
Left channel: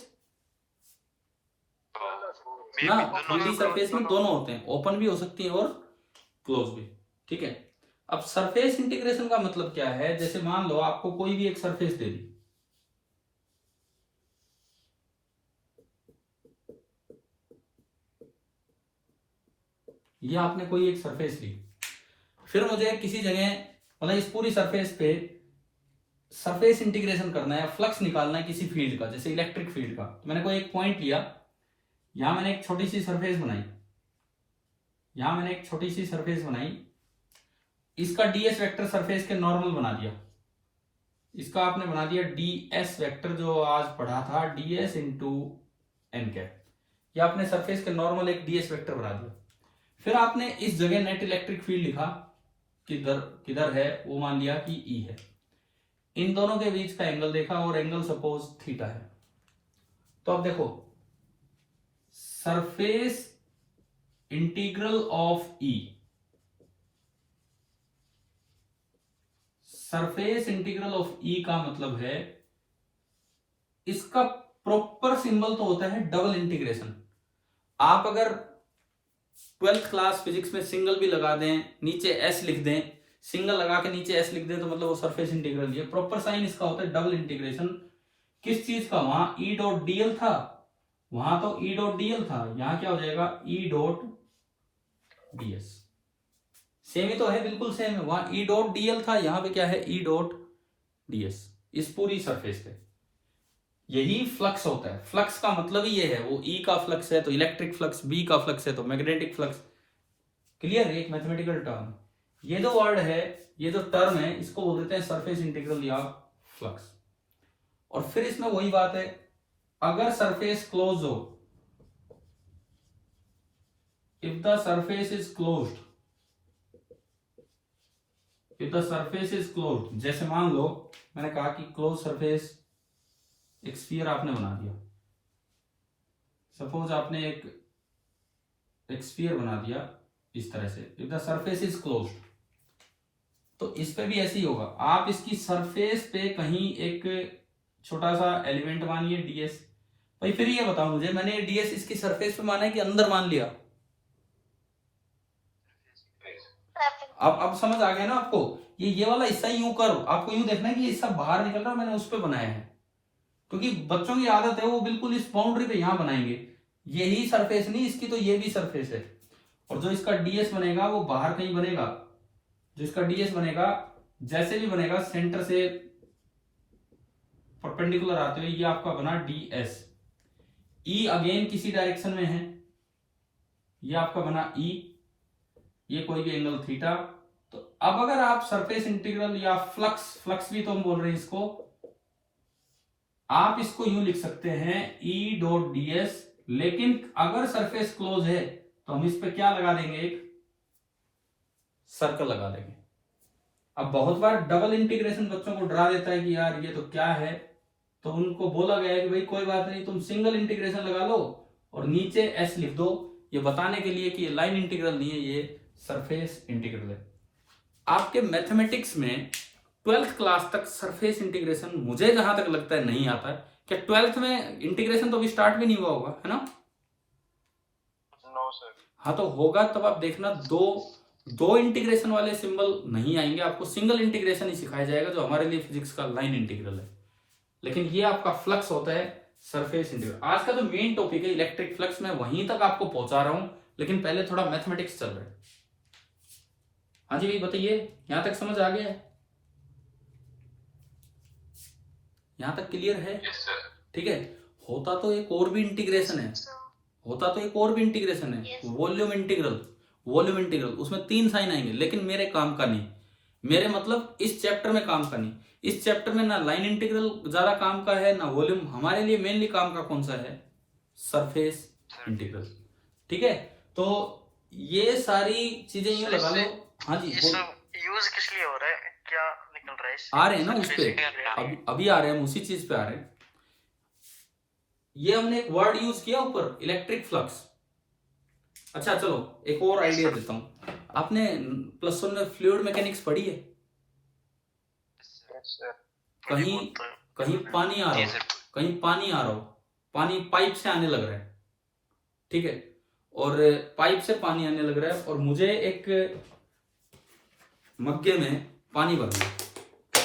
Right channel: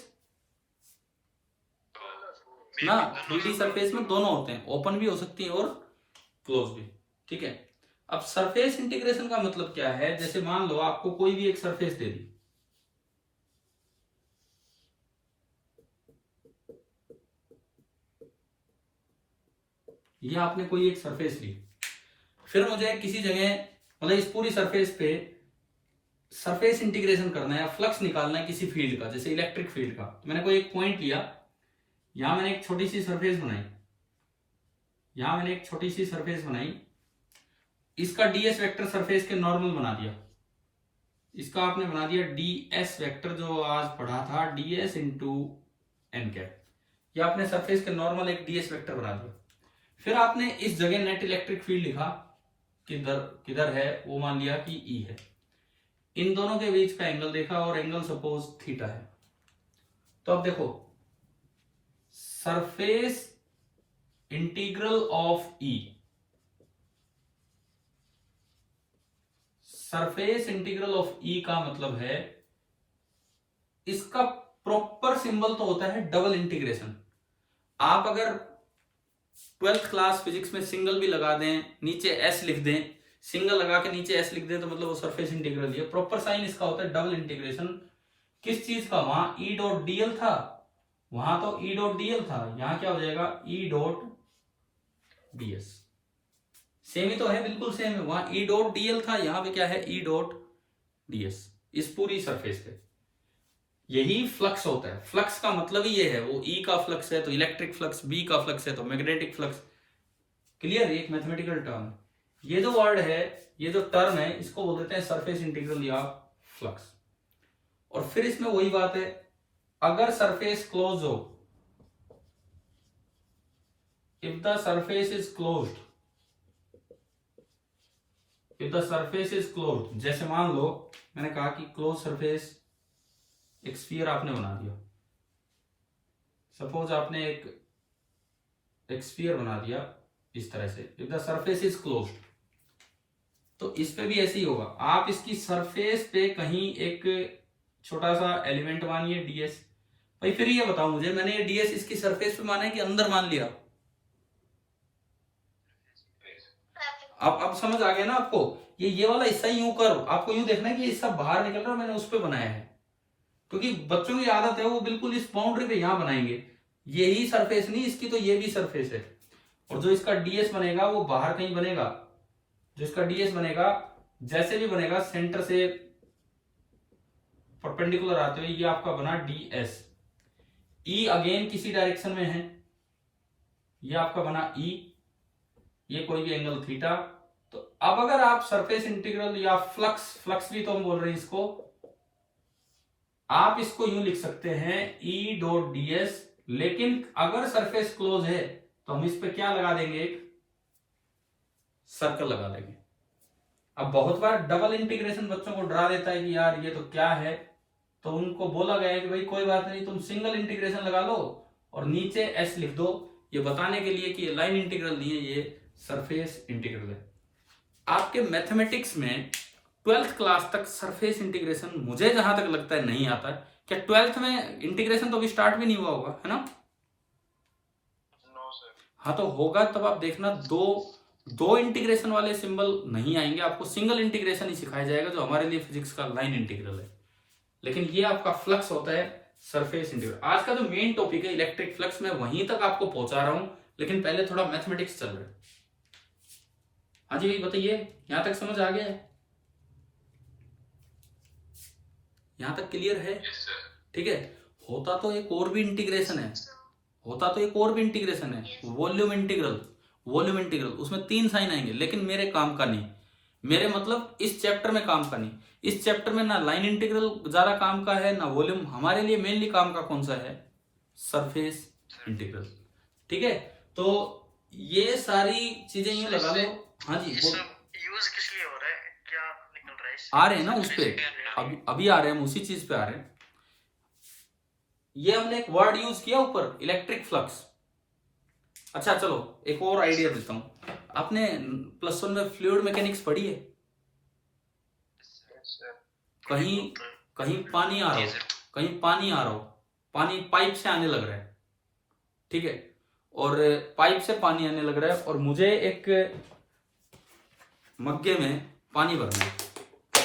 ना, 3D सरफेस में दोनों होते हैं, ओपन भी हो सकती है और क्लोज भी। ठीक है, अब सरफेस इंटीग्रेशन का मतलब क्या है? जैसे मान लो आपको कोई भी एक सरफेस दे दी, ये आपने कोई एक सरफेस ली, फिर मुझे किसी जगह मतलब इस पूरी सरफेस पे सरफेस इंटीग्रेशन करना है या फ्लक्स निकालना है किसी फील्ड का, जैसे इलेक्ट्रिक फील्ड का। तो मैंने कोई एक पॉइंट लिया, यहां मैंने एक छोटी सी सरफेस बनाई, यहां मैंने एक छोटी सी सरफेस बनाई, इसका डीएस वेक्टर सरफेस के नॉर्मल बना दिया, इसका आपने बना दिया डीएस वेक्टर, जो आज पढ़ा था डीएस इंटू एन कैप, या आपने सरफेस के नॉर्मल एक डीएस वेक्टर बना दिया। फिर आपने इस जगह नेट इलेक्ट्रिक फील्ड लिखा, किधर किधर है वो मान लिया कि ई है। इन दोनों के बीच का एंगल देखा और एंगल सपोज थीटा है। तो अब देखो, surface integral of E, surface integral of E का मतलब है, इसका प्रॉपर सिंबल तो होता है डबल इंटीग्रेशन। आप अगर 12th क्लास फिजिक्स में सिंगल भी लगा दें, नीचे एस लिख दें, सिंगल लगा के नीचे एस लिख दें, तो मतलब वो सरफेस इंटीग्रल है। प्रॉपर साइन इसका होता है डबल इंटीग्रेशन। किस चीज का? वहां ई डॉट डीएल था, वहां तो ई डॉट डीएल था, यहां क्या हो जाएगा ई डॉट डीएस। सेम ही तो है, बिल्कुल सेम है। वहां ई डॉट डीएल था, यहां पे क्या है ई डॉट डीएस, इस पूरी सरफेस पे। यही फ्लक्स होता है। फ्लक्स का मतलब ही ये है, वो ई का फ्लक्स है तो इलेक्ट्रिक फ्लक्स, बी का फ्लक्स है तो मैग्नेटिक फ्लक्स। क्लियर? एक मैथमेटिकल टर्म। ये जो वर्ड है, ये जो टर्म है, इसको बोल देते हैं सरफेस इंटीग्रल या फ्लक्स। और फिर इसमें वही बात है, अगर सरफेस क्लोज हो, if the surface is closed, if the surface is closed, जैसे मान लो मैंने कहा कि क्लोज सरफेस, एक स्फीयर आपने बना दिया, सपोज आपने एक स्फीयर बना दिया इस तरह से, if the surface is closed, तो इस पे भी ऐसे ही होगा। आप इसकी सरफेस पे कहीं एक छोटा सा एलिमेंट मानिए डीएस। भाई फिर ये बताओ मुझे, मैंने ये डीएस इसकी सरफेस पे माना है कि अंदर मान लिया? अब समझ आ गया ना आपको? ये वाला हिस्सा यूं करो, आपको यूं देखना है कि हिस्सा बाहर निकल रहा है, मैंने उस पे बनाया है, क्योंकि बच्चों की आदत है वो बिल्कुल इस बाउंड्री पे यहां बनाएंगे। यही सरफेस नहीं इसकी, तो ये भी सरफेस है, और जो इसका डीएस बनेगा वो बाहर कहीं बनेगा। जो इसका डीएस बनेगा, जैसे भी बनेगा, सेंटर से परपेंडिकुलर आते हुए, ये आपका बना डीएस। ई अगेन किसी डायरेक्शन में है, ये आपका बना ई, ये कोई भी एंगल थीटा। तो अब अगर आप सरफेस इंटीग्रल या फ्लक्स भी तो हम बोल रहे हैं इसको, आप इसको यूं लिख सकते हैं ई डॉट डीएस, लेकिन अगर सरफेस क्लोज है तो हम इस पे क्या लगा देंगे, एक सर्कल लगा देंगे। अब बहुत बार डबल इंटीग्रेशन बच्चों को डरा देता है कि यार ये तो क्या है, तो उनको बोला गया है कि भाई कोई बात नहीं, तुम सिंगल इंटीग्रेशन लगा लो और नीचे एस लिख दो, ये बताने के लिए कि ये लाइन इंटीग्रल नहीं है, ये सरफेस इंटीग्रल है। आपके मैथमेटिक्स में 12th क्लास तक सरफेस इंटीग्रेशन मुझे जहां तक लगता है नहीं आता। क्या 12th में इंटीग्रेशन तो अभी स्टार्ट भी नहीं हुआ होगा, है ना? No sir. हाँ तो होगा, तब आप देखना दो इंटीग्रेशन वाले सिंबल नहीं आएंगे, आपको सिंगल इंटीग्रेशन ही सिखाया जाएगा, जो हमारे लिए फिजिक्स का लाइन इंटीग्रल है। लेकिन ये आपका फ्लक्स होता है सरफेस इंटीग्रल। आज का जो मेन टॉपिक है इलेक्ट्रिक फ्लक्स, मैं वहीं तक आपको पहुंचा रहा हूं, लेकिन पहले थोड़ा मैथमेटिक्स चल रहा है। हाँ जी भाई बताइए, यहां तक समझ आ गया है? यहां तक क्लियर है? ठीक है। होता तो एक और भी इंटीग्रेशन है, वॉल्यूम इंटीग्रल। उसमें 3 साइन आएंगे, लेकिन मेरे काम का नहीं। मेरे मतलब इस चैप्टर में काम का नहीं, इस चैप्टर में ना लाइन इंटीग्रल ज्यादा काम का है ना वॉल्यूम। हमारे लिए मेनली काम का कौन सा है, सरफेस इंटीग्रल। ठीक है, तो ये सारी चीजें यूं लगा लो। हाँ जी, ये सब यूज किस लिए हो रहा है, क्या निकल रहा है इससे? आ रहे हैं ना उस पे, अभी आ रहे हैं, हम उसी चीज पे आ रहे हैं। ये हमने एक वर्ड यूज किया ऊपर, इलेक्ट्रिक फ्लक्स। अच्छा चलो एक और आइडिया देता हूं। आपने +1 में फ्लूइड मैकेनिक्स पढ़ी है? कहीं कहीं पानी आ रहा हो, कहीं पानी आ रहा हो, पानी पाइप से आने लग रहा है, ठीक है, और पाइप से पानी आने लग रहा है और मुझे एक मग्गे में पानी भरना है।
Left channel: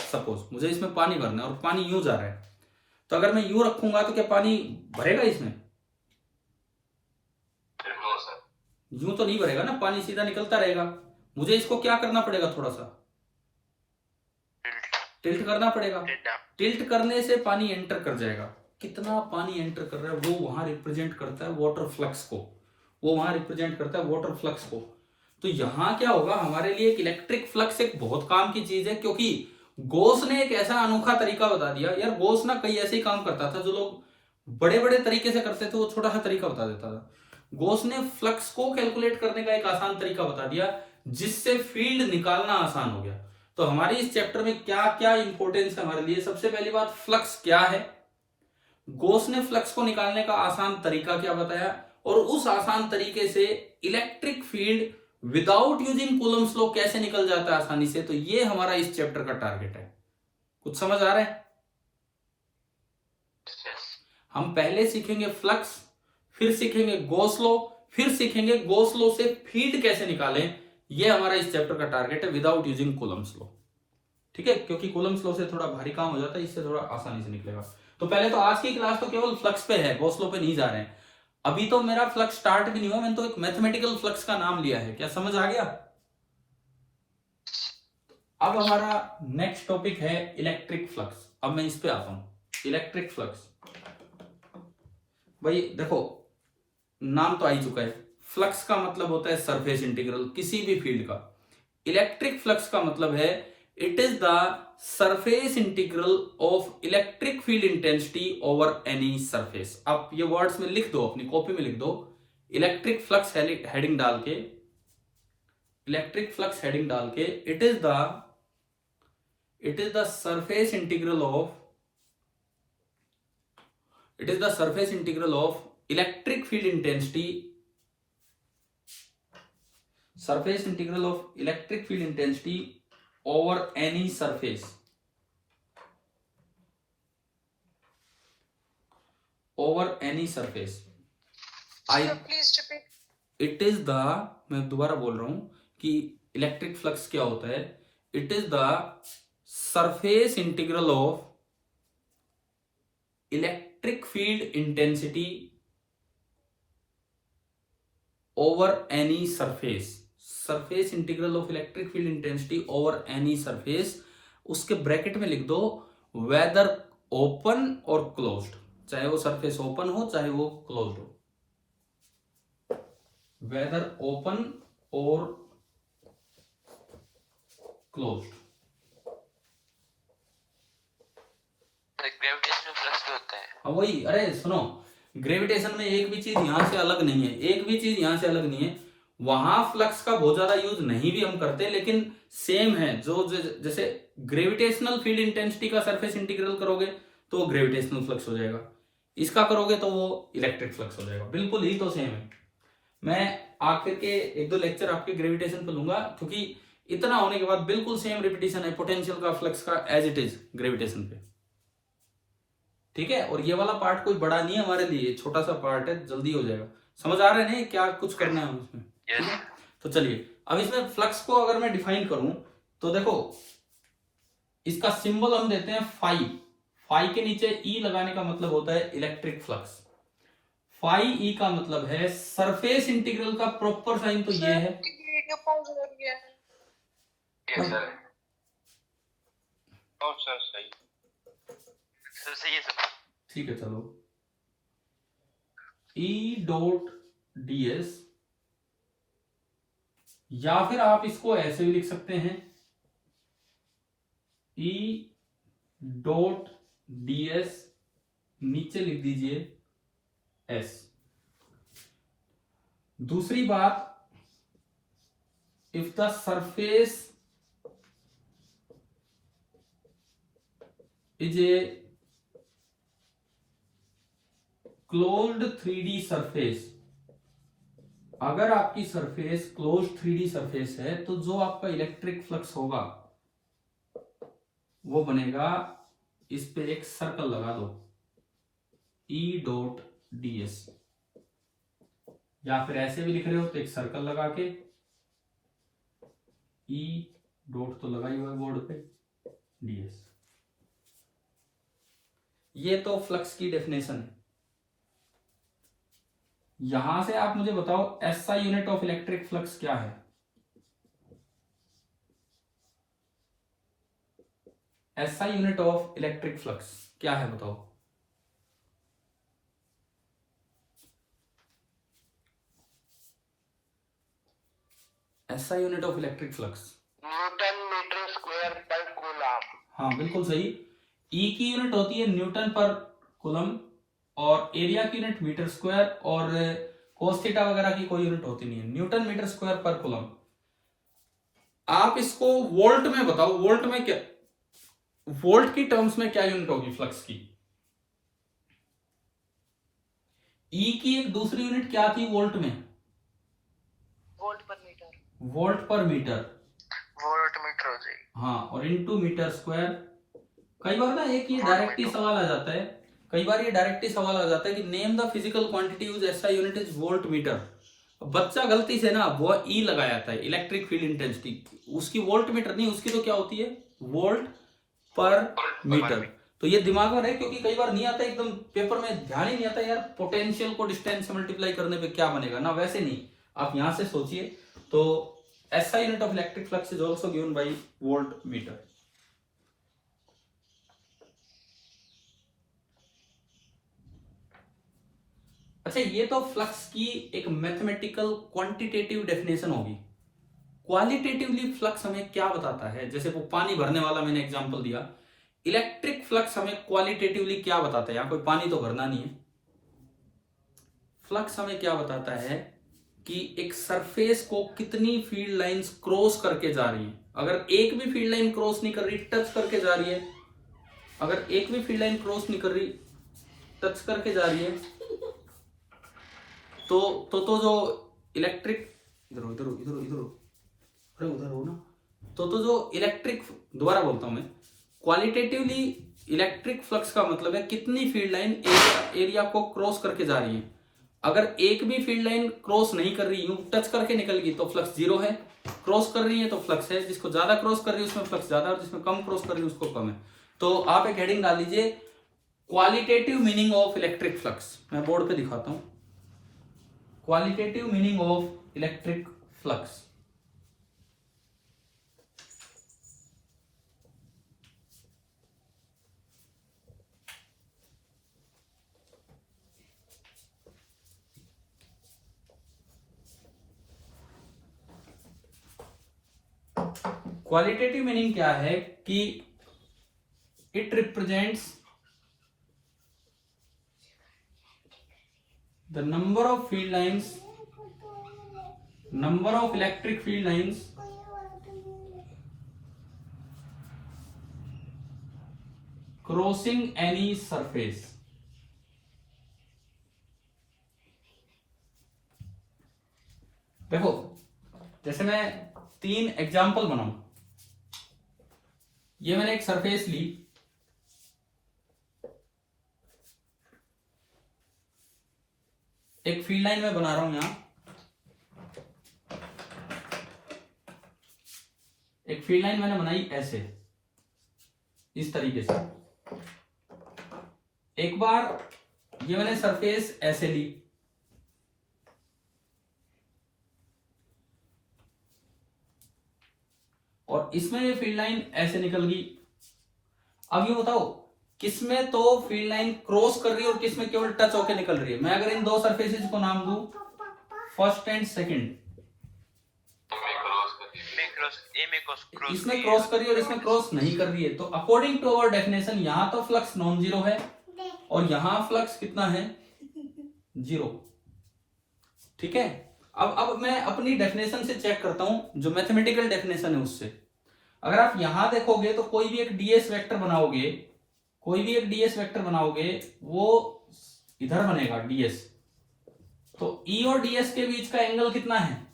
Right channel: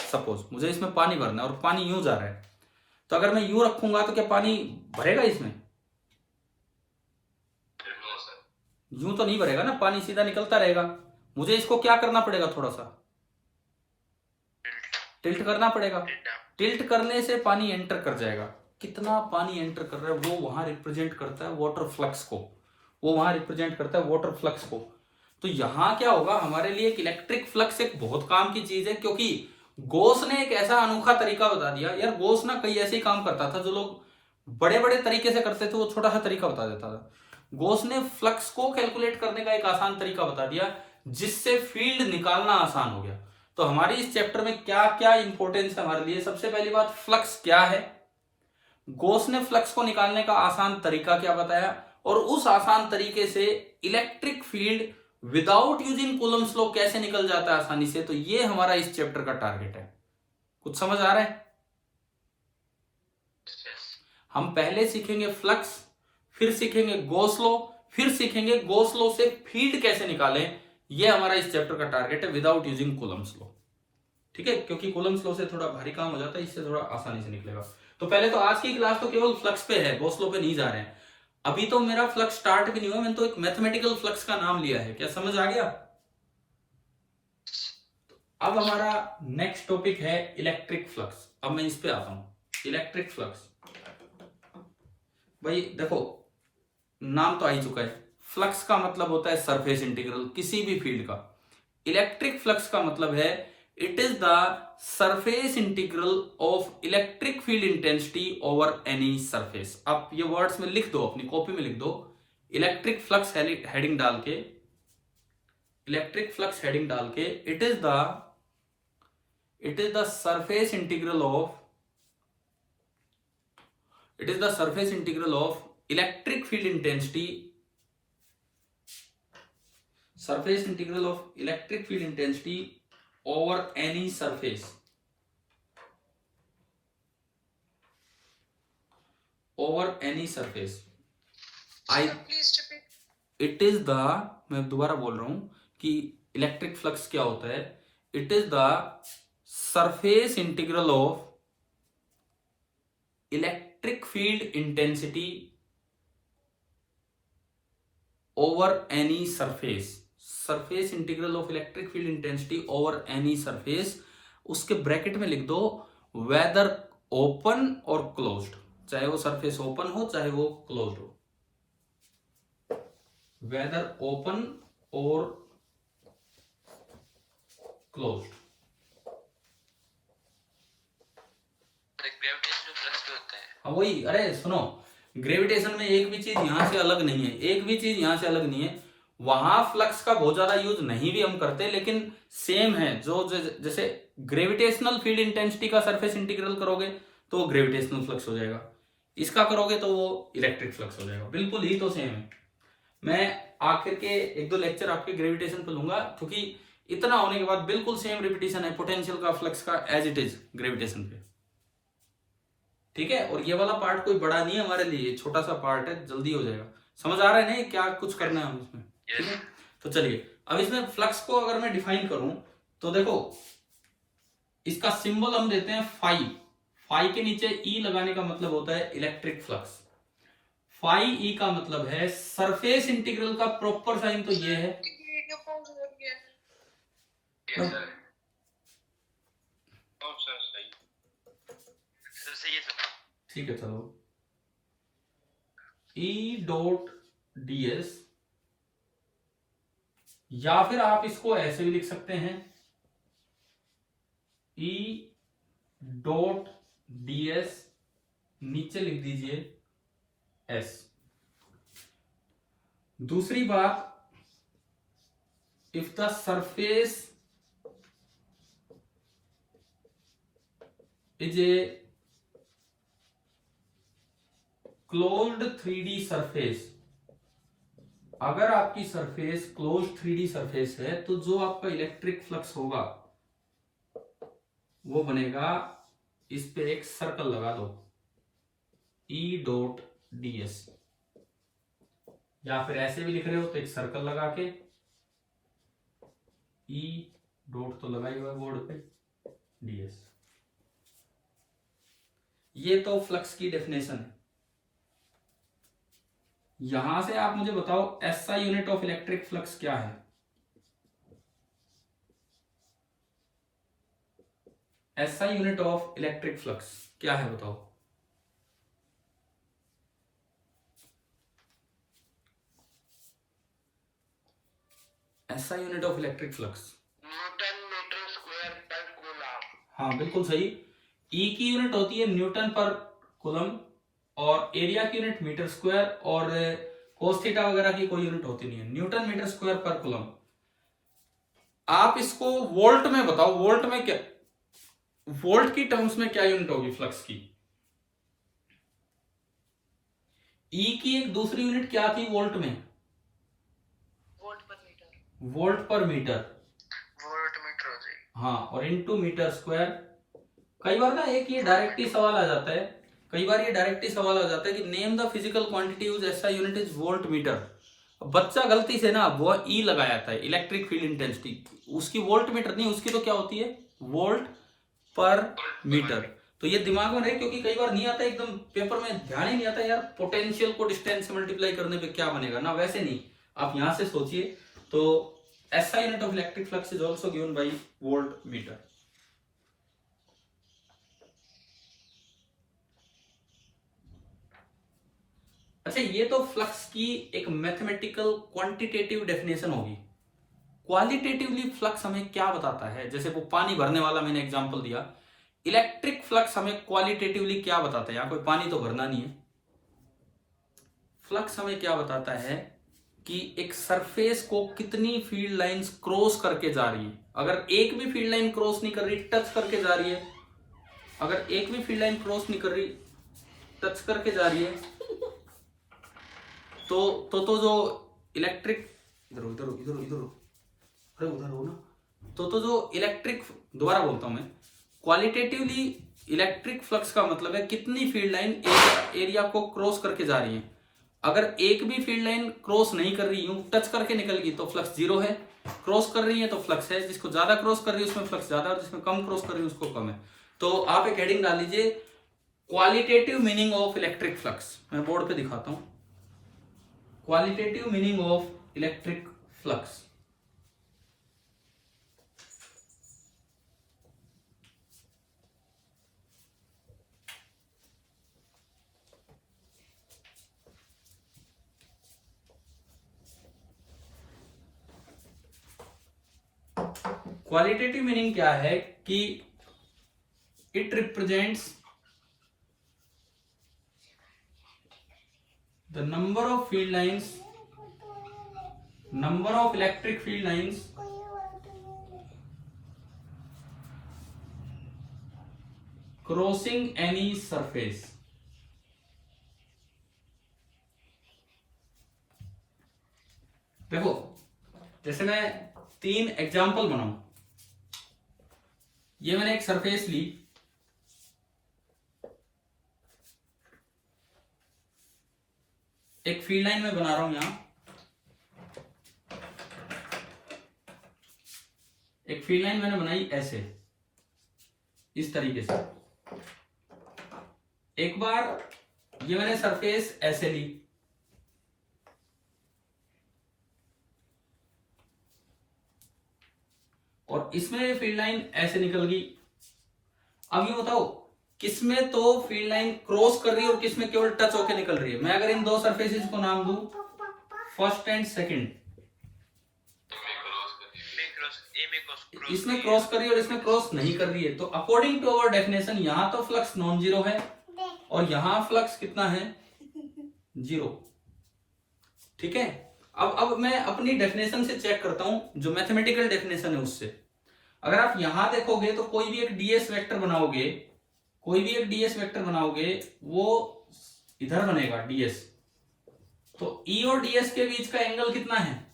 सपोज मुझे इसमें पानी भरना है और पानी यूं जा रहा है, तो अगर मैं यूं रखूंगा तो क्या पानी भरेगा इसमें? यूं तो नहीं भरेगा ना, पानी सीधा निकलता रहेगा। मुझे इसको क्या करना पड़ेगा, थोड़ा सा टिल्ट करना पड़ेगा। टिल्ट करने से पानी एंटर कर जाएगा। कितना पानी एंटर कर रहा है वो वहां रिप्रेजेंट करता है वाटर फ्लक्स को, वो वहां रिप्रेजेंट करता है वाटर फ्लक्स को। तो यहां क्या होगा, हमारे लिए एक इलेक्ट्रिक फ्लक्स एक बहुत काम की चीज है, क्योंकि गोस ने एक ऐसा अनोखा तरीका बता दिया। यार गोस ना कई ऐसे ही काम करता था, जो लोग बड़े बड़े तरीके से करते थे वो छोटा सा तरीका बता देता था। गोस ने फ्लक्स को कैलकुलेट करने का एक आसान तरीका बता दिया, जिससे फील्ड निकालना आसान हो गया। तो हमारे इस चैप्टर में क्या क्या इंपॉर्टेंस है हमारे लिए, सबसे पहली बात फ्लक्स क्या है, गोस ने फ्लक्स को निकालने का आसान तरीका क्या बताया, और उस आसान तरीके से electric field without using Coulomb's law कैसे निकल जाता है आसानी से। तो ये हमारा इस चैप्टर का टारगेट है। कुछ समझ आ रहा है? हम पहले सीखेंगे फ्लक्स, फिर सीखेंगे गॉस लॉ, फिर सीखेंगे गॉस लॉ से फील्ड कैसे निकालें। ये हमारा इस चैप्टर का टारगेट है विदाउट यूजिंग कूलम्स लॉ। ठीक है, क्योंकि कूलम्स लॉ से थोड़ा भारी काम हो जाता है, इससे थोड़ा आसानी से निकलेगा। तो पहले तो आज की क्लास तो केवल फ्लक्स पे है, गॉस लॉ पे नहीं जा रहे हैं। अभी तो मेरा फ्लक्स स्टार्ट भी नहीं हुआ, मैंने तो एक मैथमेटिकल फ्लक्स का नाम लिया है। क्या समझ आ गया? अब हमारा नेक्स्ट टॉपिक है इलेक्ट्रिक फ्लक्स। अब मैं इस पे आता हूं, इलेक्ट्रिक फ्लक्स। भाई देखो, नाम तो आ ही चुका है, फ्लक्स का मतलब होता है सरफेस इंटीग्रल किसी भी फील्ड का। इलेक्ट्रिक फ्लक्स का मतलब है it is the surface integral of electric field intensity over any surface. आप ये वर्ड्स में लिख दो, अपनी कॉपी में लिख दो, इलेक्ट्रिक फ्लक्स हेडिंग डाल के, इलेक्ट्रिक फ्लक्स हेडिंग डाल के, it is the surface integral of, it is the surface integral of electric field intensity, surface integral of electric field intensity over any surface, over any surface. It is the, मैं दोबारा बोल रहा हूं कि electric flux क्या होता है, it is the surface integral of electric field intensity over any surface. Surface integral of electric field intensity over any surface, उसके ब्रैकेट में लिख दो वेदर ओपन और क्लोज्ड, चाहे वो सरफेस ओपन हो चाहे वो क्लोज्ड हो, वेदर ओपन और क्लोज्ड। ग्रेविटेशनल फ्लक्स तो होता है। हाँ वही, अरे सुनो, ग्रेविटेशन में एक भी चीज यहां से अलग नहीं है, एक भी चीज यहां से अलग नहीं है। वहां फ्लक्स का बहुत ज्यादा यूज नहीं भी हम करते, लेकिन सेम है। जो जैसे ग्रेविटेशनल फील्ड इंटेंसिटी का सरफेस इंटीग्रल करोगे तो वो ग्रेविटेशनल फ्लक्स हो जाएगा, इसका करोगे तो वो इलेक्ट्रिक फ्लक्स हो जाएगा, बिल्कुल ही तो सेम है। मैं आखिर के 1-2 लेक्चर आपके ग्रेविटेशन पे लूंगा, क्योंकि इतना होने के बाद बिल्कुल सेम रिपीटेशन है पोटेंशियल का फ्लक्स का एज इट इज ग्रेविटेशन पे। ठीक है, और ये वाला पार्ट कोई बड़ा नहीं है हमारे लिए, छोटा सा पार्ट है, जल्दी हो जाएगा। समझ आ रहा है ना क्या कुछ करना है हम इसमें? ठीक है, तो चलिए अब इसमें फ्लक्स को अगर मैं डिफाइन करूं तो देखो, इसका सिंबल हम देते हैं फाई। फाई के नीचे ई लगाने का मतलब होता है इलेक्ट्रिक फ्लक्स। फाई ई का मतलब है सरफेस इंटीग्रल का प्रॉपर साइन तो ये है। ठीक है चलो, ई डॉट ds, या फिर आप इसको ऐसे भी लिख सकते हैं, ई डॉट ds, नीचे लिख दीजिए s। दूसरी बात, if the surface is a closed 3D surface, अगर आपकी सरफेस क्लोज 3D सरफेस है तो जो आपका इलेक्ट्रिक फ्लक्स होगा वो बनेगा, इस पे एक सर्कल लगा दो, E डॉट ds, या फिर ऐसे भी लिख रहे हो तो एक सर्कल लगा के E डॉट तो लगा ही हुआ है बोर्ड पे, ds। ये तो फ्लक्स की डेफिनेशन है। यहां से आप मुझे बताओ SI unit of electric flux क्या है? SI unit of electric flux क्या है बताओ? SI unit of electric flux newton metre square per coulomb. हाँ बिल्कुल सही। E की यूनिट होती है न्यूटन पर कूलम, और एरिया की यूनिट मीटर स्क्वायर, और कोस थीटा वगैरह की कोई यूनिट होती नहीं है, Newton metre square per coulomb. आप इसको वोल्ट में बताओ, वोल्ट में क्या, वोल्ट की टर्म्स में क्या यूनिट होगी फ्लक्स की? ई की एक दूसरी यूनिट क्या थी वोल्ट में? वोल्ट पर मीटर। वोल्ट पर मीटर, वोल्ट मीटर हो जाएगी। हाँ, और इनटू मीटर स्क्वायर। कई बार ना एक ये डायरेक्ट ही सवाल आ जाता है, कई बार ये डायरेक्ट ही सवाल आ जाता है कि name the physical quantity use SI unit is volt meter. बच्चा गलती से ना वो ई लगा जाता है, इलेक्ट्रिक फील्ड इंटेंसिटी, उसकी वोल्ट मीटर नहीं, उसकी तो क्या होती है, वोल्ट पर मीटर। तो ये दिमाग में रहे, क्योंकि कई बार नहीं आता एकदम पेपर में, ध्यान ही नहीं आता यार पोटेंशियल को डिस्टेंस से मल्टीप्लाई करने पे क्या बनेगा ना, वैसे नहीं, आप यहां से सोचिए। तो SI unit of electric flux is also given by volt meter. अच्छा, ये तो फ्लक्स की एक मैथमेटिकल क्वांटिटेटिव डेफिनेशन होगी। क्वालिटेटिवली फ्लक्स हमें क्या बताता है? जैसे वो पानी भरने वाला मैंने एग्जांपल दिया, इलेक्ट्रिक फ्लक्स हमें क्वालिटेटिवली क्या बताता है? यहां कोई पानी तो भरना नहीं है। फ्लक्स हमें क्या बताता है कि एक सरफेस को कितनी फील्ड लाइंस क्रॉस करके जा रही है। अगर एक भी फील्ड लाइन क्रॉस नहीं कर रही, टच करके जा रही है, अगर एक भी फील्ड लाइन क्रॉस नहीं कर रही, टच करके जा रही है, तो जो इलेक्ट्रिक, इधर हो, इधर हो, इधर हो, इधर हो, अरे उधर हो ना, तो जो इलेक्ट्रिक, दोबारा बोलता हूं मैं, क्वालिटेटिवली इलेक्ट्रिक फ्लक्स का मतलब है कितनी फील्ड लाइन एरिया को क्रॉस करके जा रही है। अगर एक भी फील्ड लाइन क्रॉस नहीं कर रही, यूं टच करके निकल गई तो फ्लक्स जीरो है, क्रॉस कर रही है तो फ्लक्स है, जिसको ज्यादा क्रॉस कर रही है उसमें फ्लक्स ज्यादा, और जिसमें कम क्रॉस कर रही है उसको कम है। तो आप एक हेडिंग डाल लीजिए, qualitative meaning of electric flux. मैं बोर्ड पे दिखाता हूं, qualitative meaning of electric flux. Qualitative meaning क्या है कि it represents the number of field lines, number of electric field lines crossing any surface. देखो, जैसे मैं 3 एग्जाम्पल बनाऊं, ये मैंने एक सरफेस ली, एक फील्ड लाइन में बना रहा हूं, यहां एक फील्ड लाइन मैंने बनाई ऐसे, इस तरीके से। एक बार ये मैंने सरफेस ऐसे ली, और इसमें ये फील्ड लाइन ऐसे निकल गई। अब ये बताओ किसमें तो फील्ड लाइन क्रॉस कर रही है और किसमें केवल टच होकर निकल रही है। मैं अगर इन दो सरफेसेस को नाम दूं फर्स्ट एंड सेकंड, इसमें क्रॉस कर रही है और इसमें क्रॉस नहीं कर रही है, तो अकॉर्डिंग टू अवर डेफिनेशन यहां तो फ्लक्स नॉन जीरो है और यहां फ्लक्स कितना है, जीरो। ठीक है, अब मैं अपनी डेफिनेशन से चेक करता हूं, जो मैथमेटिकल डेफिनेशन है उससे। अगर आप यहां देखोगे तो कोई भी एक डीएस वेक्टर बनाओगे, कोई भी एक डीएस वेक्टर बनाओगे, वो इधर बनेगा डीएस, तो ई और डीएस के बीच का एंगल कितना है,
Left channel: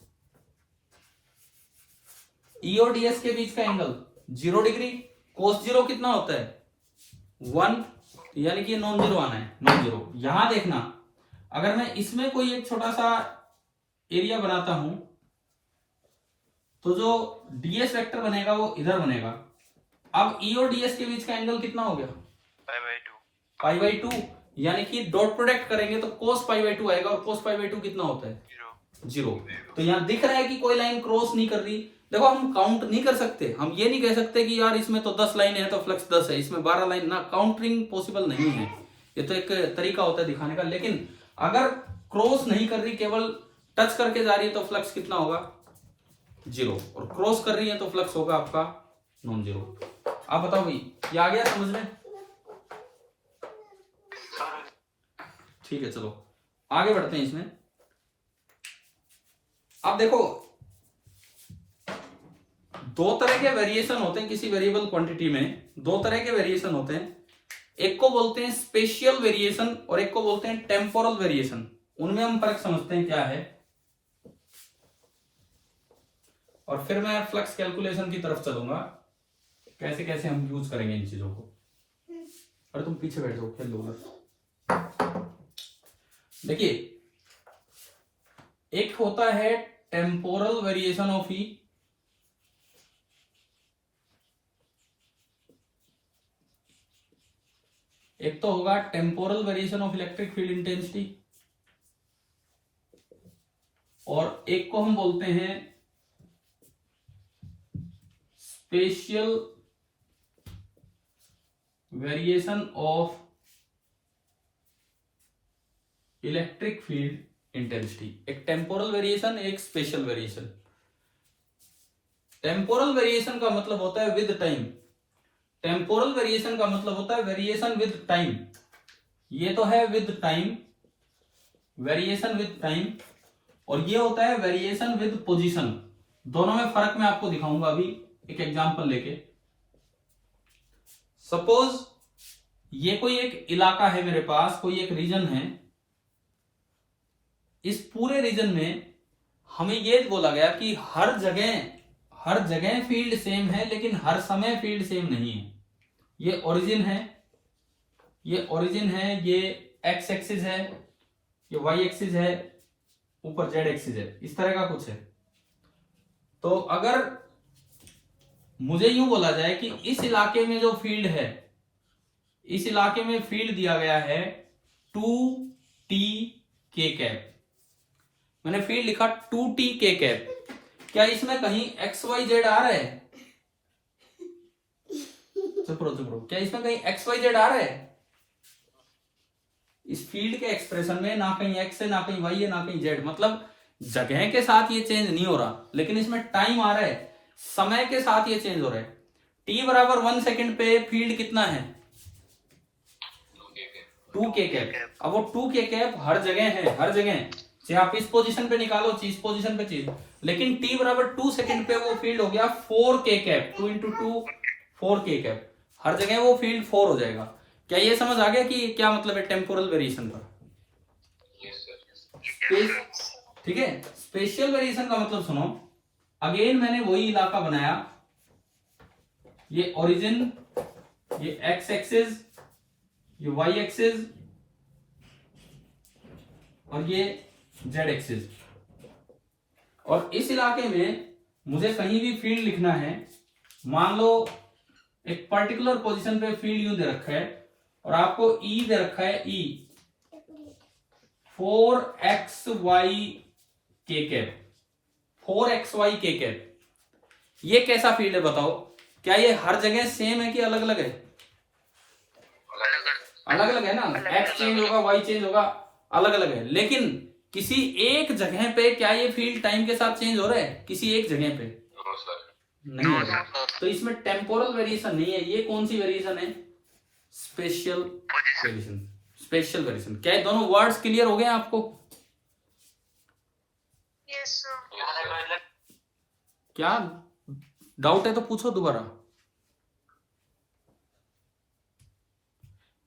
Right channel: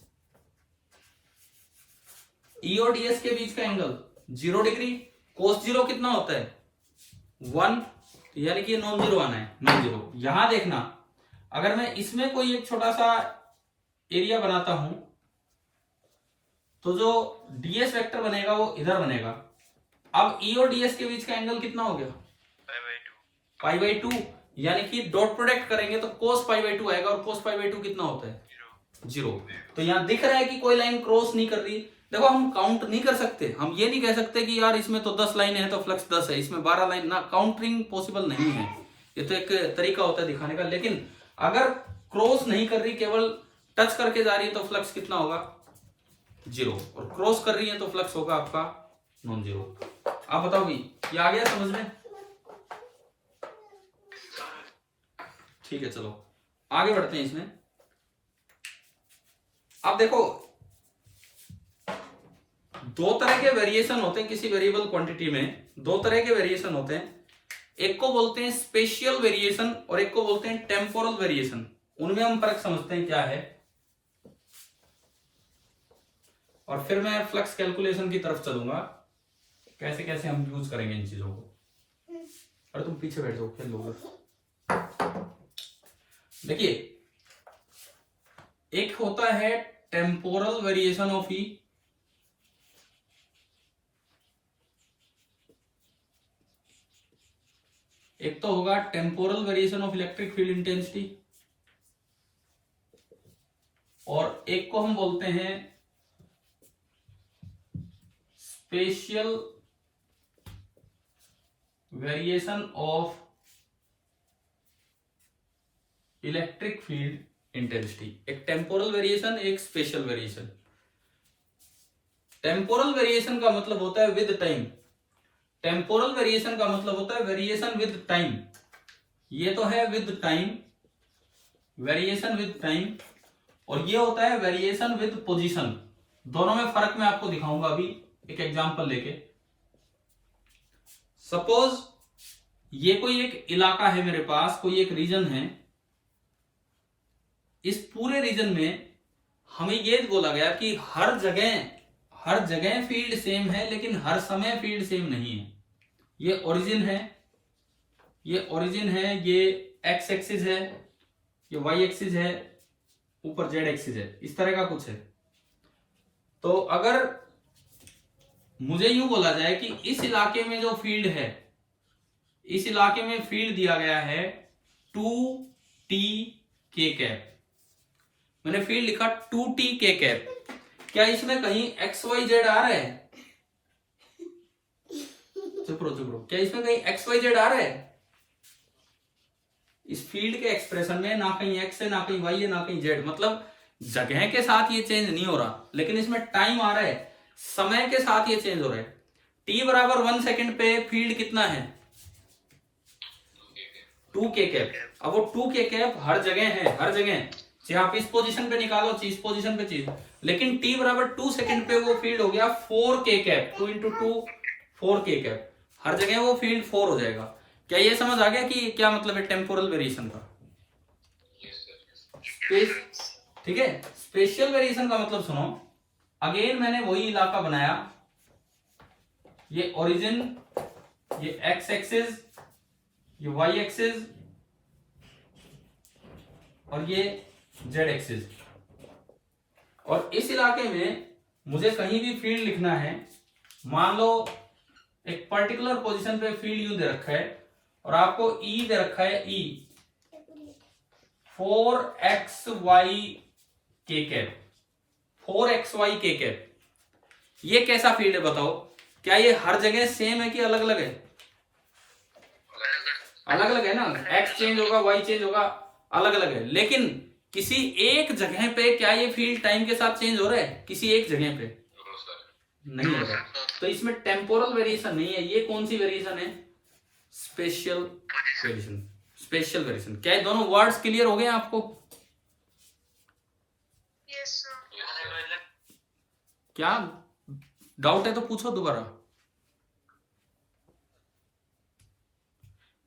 ई और डीएस के बीच का एंगल 0 डिग्री। कोस जीरो कितना होता है, 1, यानी कि नॉन जीरो आना है, नॉन जीरो। यहां देखना, अगर मैं इसमें कोई एक छोटा सा एरिया बनाता हूं, तो जो डीएस वेक्टर बनेगा वो इधर बनेगा। अब ई और डीएस के बीच का एंगल कितना हो गया, π/2, यानी कि डॉट प्रोडक्ट करेंगे तो cos π/2 आएगा, और cos π/2 कितना होता है, 0। तो यहां दिख रहा है कि कोई लाइन क्रॉस नहीं कर रही। देखो, हम काउंट नहीं कर सकते, हम ये नहीं कह सकते कि यार इसमें तो 10 लाइनें हैं तो फ्लक्स 10 है, इसमें 12 लाइन ना, काउंटिंग पॉसिबल नहीं है। ये तो एक तरीका होता है दिखाने का। लेकिन अगर क्रॉस नहीं कर रही, केवल टच करके जा रही है, तो फ्लक्स कितना होगा, 0, और क्रॉस कर रही है तो फ्लक्स होगा आपका नॉन जीरो। आप बताओ भाई, ये आ गया समझ में? ठीक है, चलो आगे बढ़ते हैं इसमें। अब देखो, दो तरह के वेरिएशन होते हैं किसी वेरिएबल क्वांटिटी में, दो तरह के वेरिएशन होते हैं। एक को बोलते हैं स्पेशियल वेरिएशन और एक को बोलते हैं टेम्पोरल वेरिएशन। उनमें हम फर्क समझते हैं क्या है, और फिर मैं फ्लक्स कैलकुलेशन की तरफ चलूंगा, कैसे कैसे हम यूज करेंगे इन चीजों को। अरे तुम पीछे बैठ जाओ, खेल लो। देखिए, एक होता है टेम्पोरल वेरिएशन ऑफ ई, एक तो होगा temporal variation of electric field intensity, और एक को हम बोलते हैं spatial variation of electric field intensity. एक टेम्पोरल वेरिएशन, एक स्पेशल वेरिएशन। टेम्पोरल वेरिएशन का मतलब होता है विद टाइम, टेम्पोरल वेरिएशन का मतलब होता है वेरिएशन विद टाइम। ये तो है with time, variation with time, और ये होता है वेरिएशन विद पोजीशन। दोनों में फर्क मैं आपको दिखाऊंगा अभी एक एग्जांपल लेके। सपोज ये कोई एक इलाका है मेरे पास, कोई एक रीजन है, इस पूरे रीजन में हमें ये बोला गया कि हर जगह फील्ड सेम है, लेकिन हर समय फील्ड सेम नहीं है। ये ओरिजिन है, ये एक्स एक्सिस है, ये वाई एक्सिस है, ऊपर जेड एक्सिस है, इस तरह का कुछ है। तो अगर मुझे यूं बोला जाए कि इस इलाके में जो फील्ड है, इस इलाके में फील्ड दिया गया है 2t k कैप, मैंने फील्ड लिखा 2t k कैप, क्या इसमें कहीं एक्स वाई जेड आ रहा है? चुप रहो, क्या इसमें कहीं एक्स वाई जेड आ रहा है? इस फील्ड के एक्सप्रेशन में ना कहीं एक्स है, ना कहीं वाई है, ना कहीं जेड। मतलब जगह के साथ ये चेंज नहीं हो रहा, लेकिन इसमें टाइम आ रहा है, समय के साथ ये चेंज हो रहा है। t बराबर 1 सेकेंड पे फील्ड कितना है, 2k कैप। अब वो 2k कैप हर जगह है, हर जगह, चाहे आप इस पोजीशन पे निकालो, इस पोजीशन पे चीज, लेकिन t बराबर 2 सेकेंड पे वो फील्ड हो गया 4k cap, 2 into 2 4k cap, हर जगह वो फील्ड 4 हो जाएगा। क्या ये समझ आ गया कि क्या मतलब है टेम्पोरल वेरिएशन का? ठीक है। स्पेशियल वेरिएशन का मतलब सुनो, अगेन मैंने वही इलाका बनाया, ये ओरिजिन, ये एक्स एक्सिस, ये वाई एक्सिस, और ये जेड एक्सिस, और इस इलाके में मुझे कहीं भी फील्ड लिखना है। मान लो एक पर्टिकुलर पोजीशन पे फील्ड यू दे रखा है, और आपको ई दे रखा है, ई 4xy k cap, 4xy k cap. ये कैसा फील्ड है बताओ? क्या ये हर जगह सेम है कि अलग अलग है? अलग अलग है ना, x चेंज होगा, y चेंज होगा, अलग अलग है। लेकिन किसी एक जगह पे क्या ये फील्ड टाइम के साथ चेंज हो रहा है? किसी एक जगह पे नहीं है तो इसमें टेम्पोरल वेरिएशन नहीं है। ये कौन सी वेरिएशन है? Spatial variation. Spatial variation. क्या ये दोनों वर्ड्स क्लियर हो गए आपको? Yes sir. क्या डाउट है तो पूछो दोबारा।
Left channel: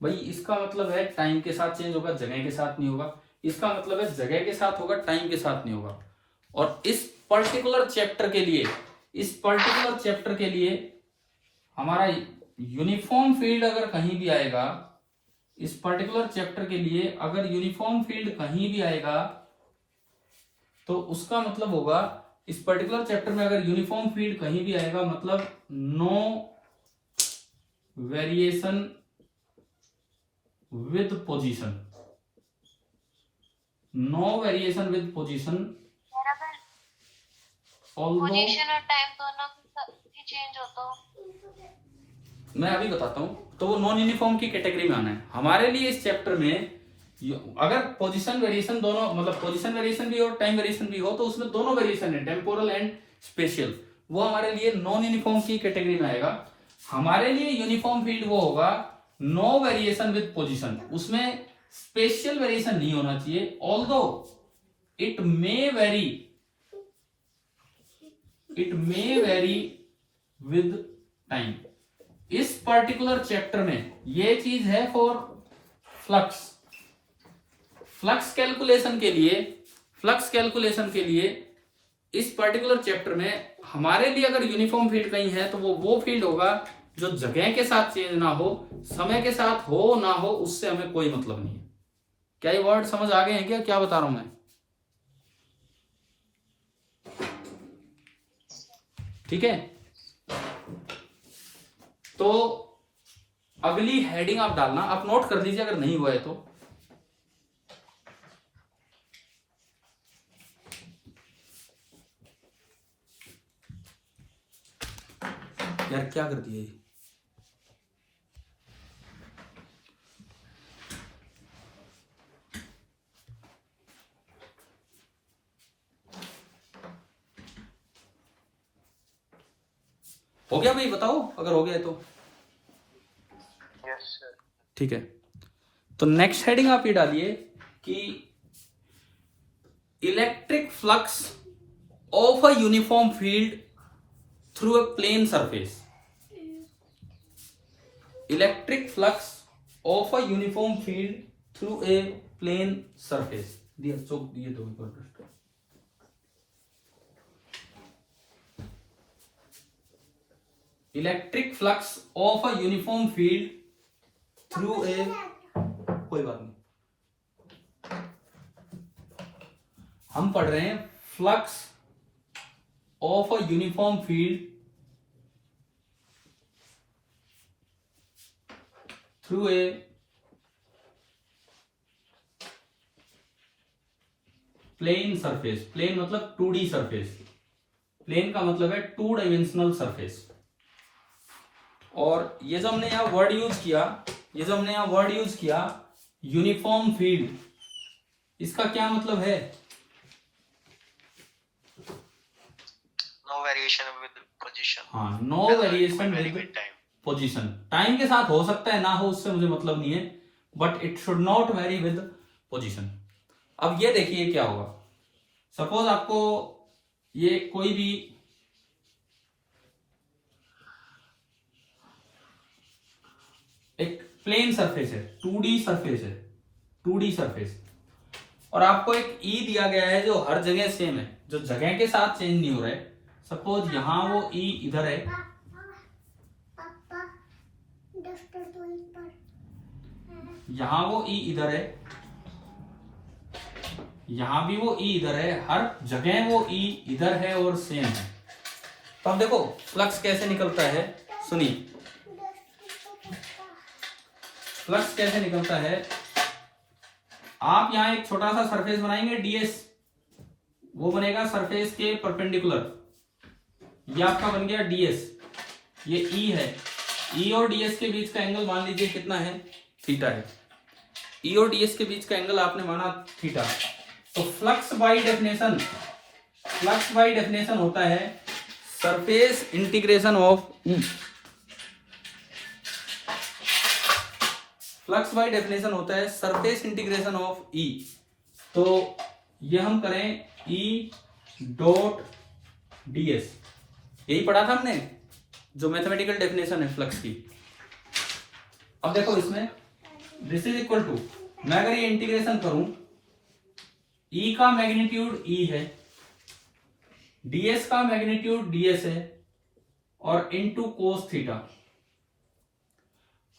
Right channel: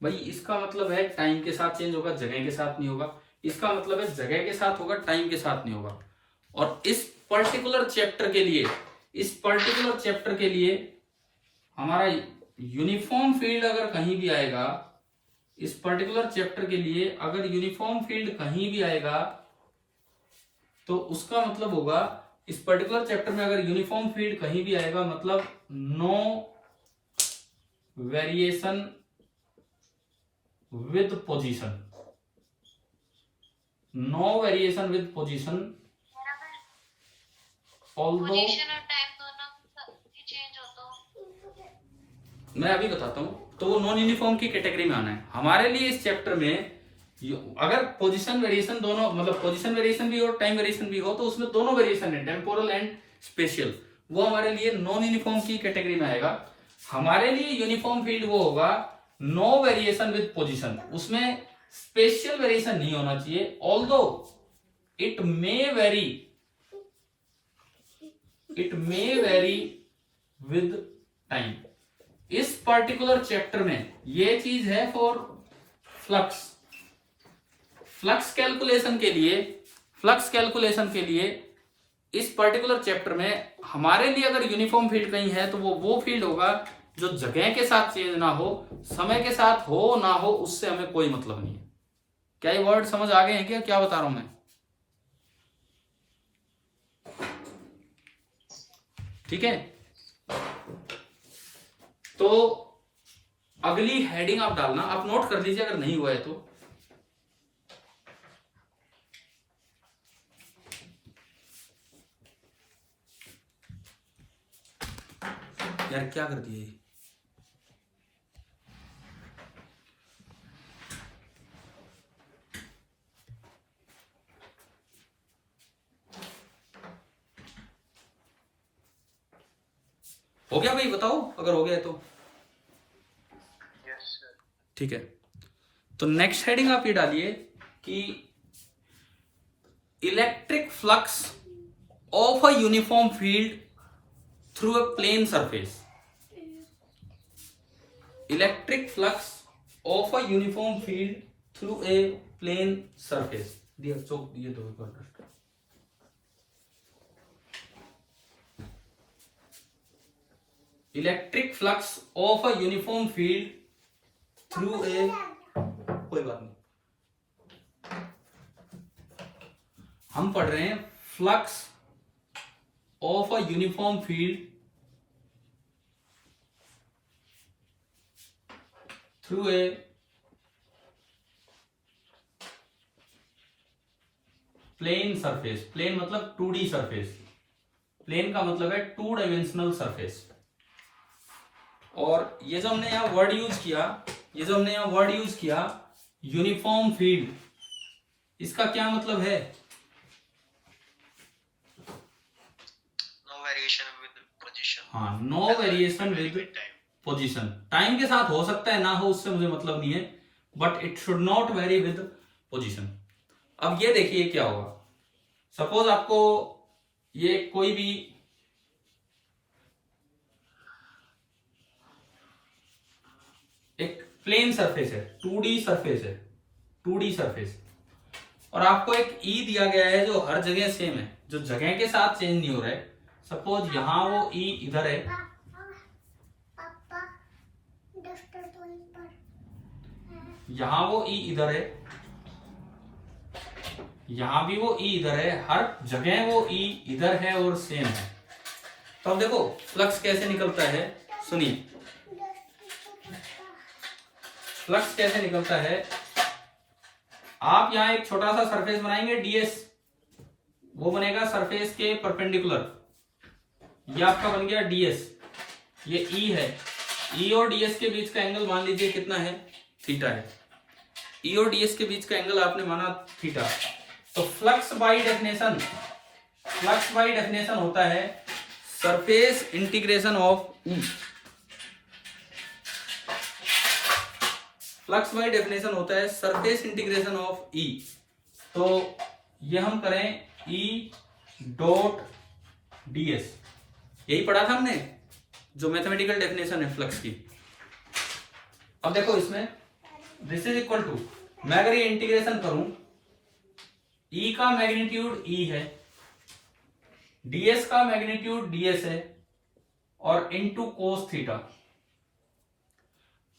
भाई इसका मतलब है टाइम के साथ चेंज होगा, जगह के साथ नहीं होगा। इसका मतलब है जगह के साथ होगा, टाइम के साथ नहीं होगा। और इस पर्टिकुलर चैप्टर के लिए हमारा यूनिफॉर्म फील्ड अगर कहीं भी आएगा, इस पर्टिकुलर चैप्टर के लिए अगर यूनिफॉर्म फील्ड कहीं भी आएगा तो उसका मतलब होगा, इस पर्टिकुलर चैप्टर में अगर यूनिफॉर्म फील्ड कहीं भी आएगा मतलब no variation with position. No variation with position although. Position और टाइम दोनों की चेंज होता हो। मैं अभी बताता हूं। तो वो नॉन यूनिफॉर्म की कैटेगरी में आना है हमारे लिए। इस चैप्टर में अगर पोजीशन वेरिएशन दोनों, मतलब पोजीशन वेरिएशन भी और टाइम वेरिएशन भी हो, तो उसमें दोनों वेरिएशन है, टेम्पोरल एंड स्पेशियल। वो हमारे लिए नॉन यूनिफॉर्म की कैटेगरी में आएगा। हमारे लिए यूनिफॉर्म फील्ड वो होगा नो वेरिएशन विद पोजीशन। उसमें स्पेशियल वेरिएशन नहीं होना चाहिए, although it may very with time. इस पर्टिकुलर चैप्टर में ये चीज है फॉर फ्लक्स कैलकुलेशन के लिए इस पर्टिकुलर चैप्टर में हमारे लिए अगर यूनिफॉर्म फील्ड कहीं है तो वो फील्ड होगा जो जगह के साथ चेंज ना हो, समय के साथ हो ना हो, उससे हमें कोई मतलब नहीं है। क्या ये वर्ड समझ आ गए हैं क्या बता रहा हूं मैं? ठीक है। तो अगली हेडिंग आप डालना, आप नोट कर लीजिए अगर नहीं हुआ है तो। यार क्या कर दिया ये? हो गया भाई? बताओ अगर हो गया है तो। Yes sir. ठीक है। तो नेक्स्ट हेडिंग आप ये डालिए कि electric flux of a uniform field through a plane surface. Electric flux of a uniform field through a plane surface. दिया चौक दिए दो dust. Electric flux of a uniform field through a, कोई बात नहीं, हम पढ़ रहे हैं flux of a uniform field through a plane surface. Plane मतलब 2D सरफेस। प्लेन का मतलब है 2 डायमेंशनल सरफेस। और ये जो हमने यहां वर्ड यूज किया यूनिफॉर्म फील्ड, इसका क्या मतलब है? No variation with position. हाँ, no variation with position. Time के साथ हो सकता है ना हो, उससे मुझे मतलब नहीं है, but it should not very with position. अब ये देखिए क्या होगा। सपोज आपको ये कोई भी एक प्लेन सरफेस है, 2D सरफेस, और आपको एक ई दिया गया है जो हर जगह सेम है, जो जगह के साथ चेंज नहीं हो रहा है। सपोज यहां वो ई इधर है, यहां वो ई इधर है, यहां भी वो ई इधर है, हर जगह वो ई इधर है और सेम है। तो हम देखो फ्लक्स कैसे निकलता है, सुनिए फ्लक्स कैसे निकलता है। आप यहां एक छोटा सा सरफेस बनाएंगे ds, वो बनेगा सरफेस के परपेंडिकुलर, ये आपका बन गया ds। ये e है, e और ds के बीच का एंगल मान लीजिए कितना है, थीटा है। e और ds के बीच का एंगल आपने माना थीटा। तो फ्लक्स बाय डेफिनेशन होता है surface integration of E. Flux by definition होता है सरफेस इंटीग्रेशन ऑफ ई। तो ये हम करें ई डॉट डीएस, यही पढ़ा था हमने जो मैथमेटिकल डेफिनेशन है फ्लक्स की। अब देखो इसमें दिस इज इक्वल टू, मैं अगर ये इंटीग्रेशन करूं, ई का मैग्नीट्यूड ई है, डीएस का मैग्नीट्यूड डीएस है, और इनटू कोस थीटा।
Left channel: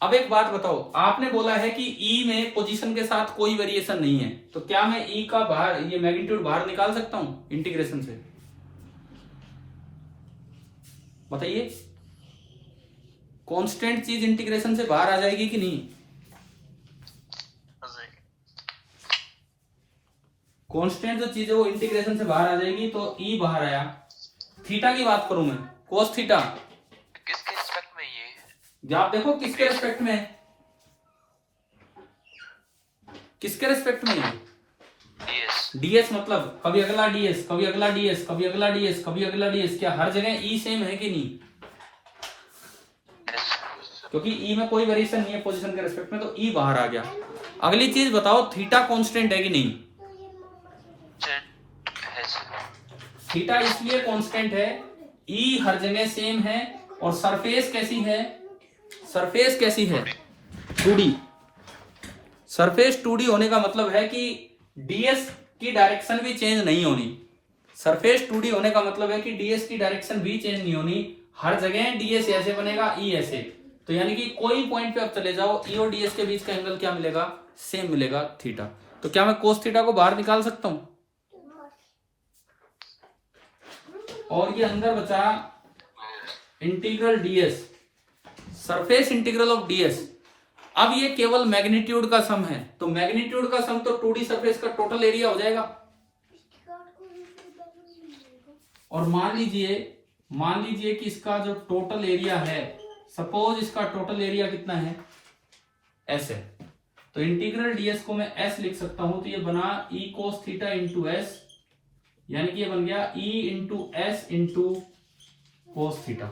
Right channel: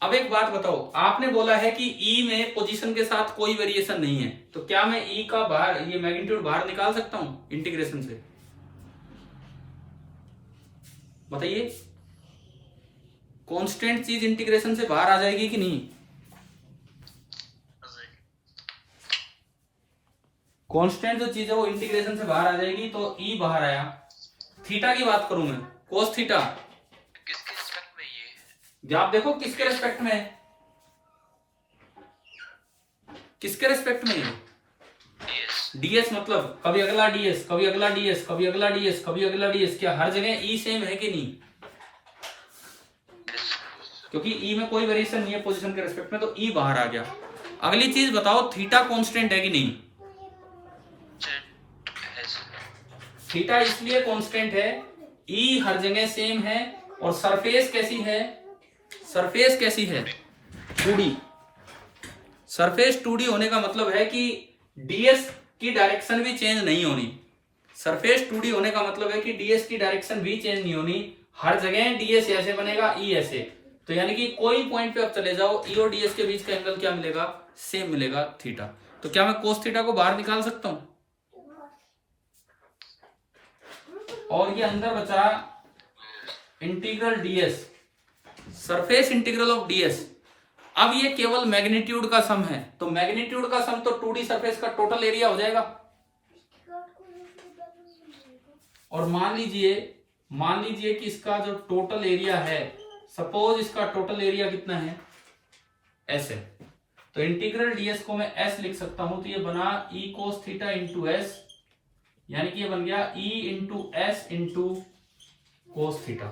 अब एक बात बताओ, आपने बोला है कि ई में पोजीशन के साथ कोई वेरिएशन नहीं है, तो क्या मैं ई का बाहर ये मैग्नीट्यूड बाहर निकाल सकता हूं इंटीग्रेशन से? बताइए, कांस्टेंट चीज इंटीग्रेशन से बाहर आ जाएगी कि नहीं? कांस्टेंट जो चीज है वो इंटीग्रेशन से बाहर आ जाएगी, तो ई बाहर आया। थीटा की बात करूं मैं, कोस थीटा, किसके रिस्पेक्ट में ये? आप देखो किसके रेस्पेक्ट में है, किसके रेस्पेक्ट में है? डीएस मतलब कभी अगला डीएस, कभी अगला डीएस, कभी अगला डीएस, कभी अगला डीएस। क्या हर जगह ई सेम है कि नहीं? क्योंकि ई में कोई वेरिएशन नहीं है पोजीशन के रेस्पेक्ट में, तो ई बाहर आ गया। अगली चीज बताओ, थीटा कांस्टेंट है कि नहीं? थीटा इसलिए कांस्टेंट है, ई हर जगह सेम है, और सरफेस कैसी है? सरफेस कैसी है? 2D। सरफेस 2D होने का मतलब है कि डीएस की डायरेक्शन भी चेंज नहीं होनी। सरफेस 2D होने का मतलब है कि डीएस की डायरेक्शन भी चेंज नहीं होनी, हर जगह डीएस ऐसे बनेगा, ई ऐसे। तो यानी कि कोई पॉइंट पे अब चले जाओ, ई और डीएस के बीच का एंगल क्या मिलेगा? सेम मिलेगा, थीटा। तो क्या मैं कोस थीटा को बाहर निकाल सकता हूं? और ये अंदर बचा integral DS, surface integral of DS. अब ये केवल मैग्नीट्यूड का सम है, तो मैग्नीट्यूड का सम तो 2D सरफेस का टोटल एरिया हो जाएगा। और मान लीजिए कि इसका जो टोटल एरिया है, सपोज इसका टोटल एरिया कितना है? एस है। तो इंटीग्रल डीएस को मैं एस लिख सकता हूं, तो ये बना E cos theta into S, यानी कि ये बन गया E into S into cos theta.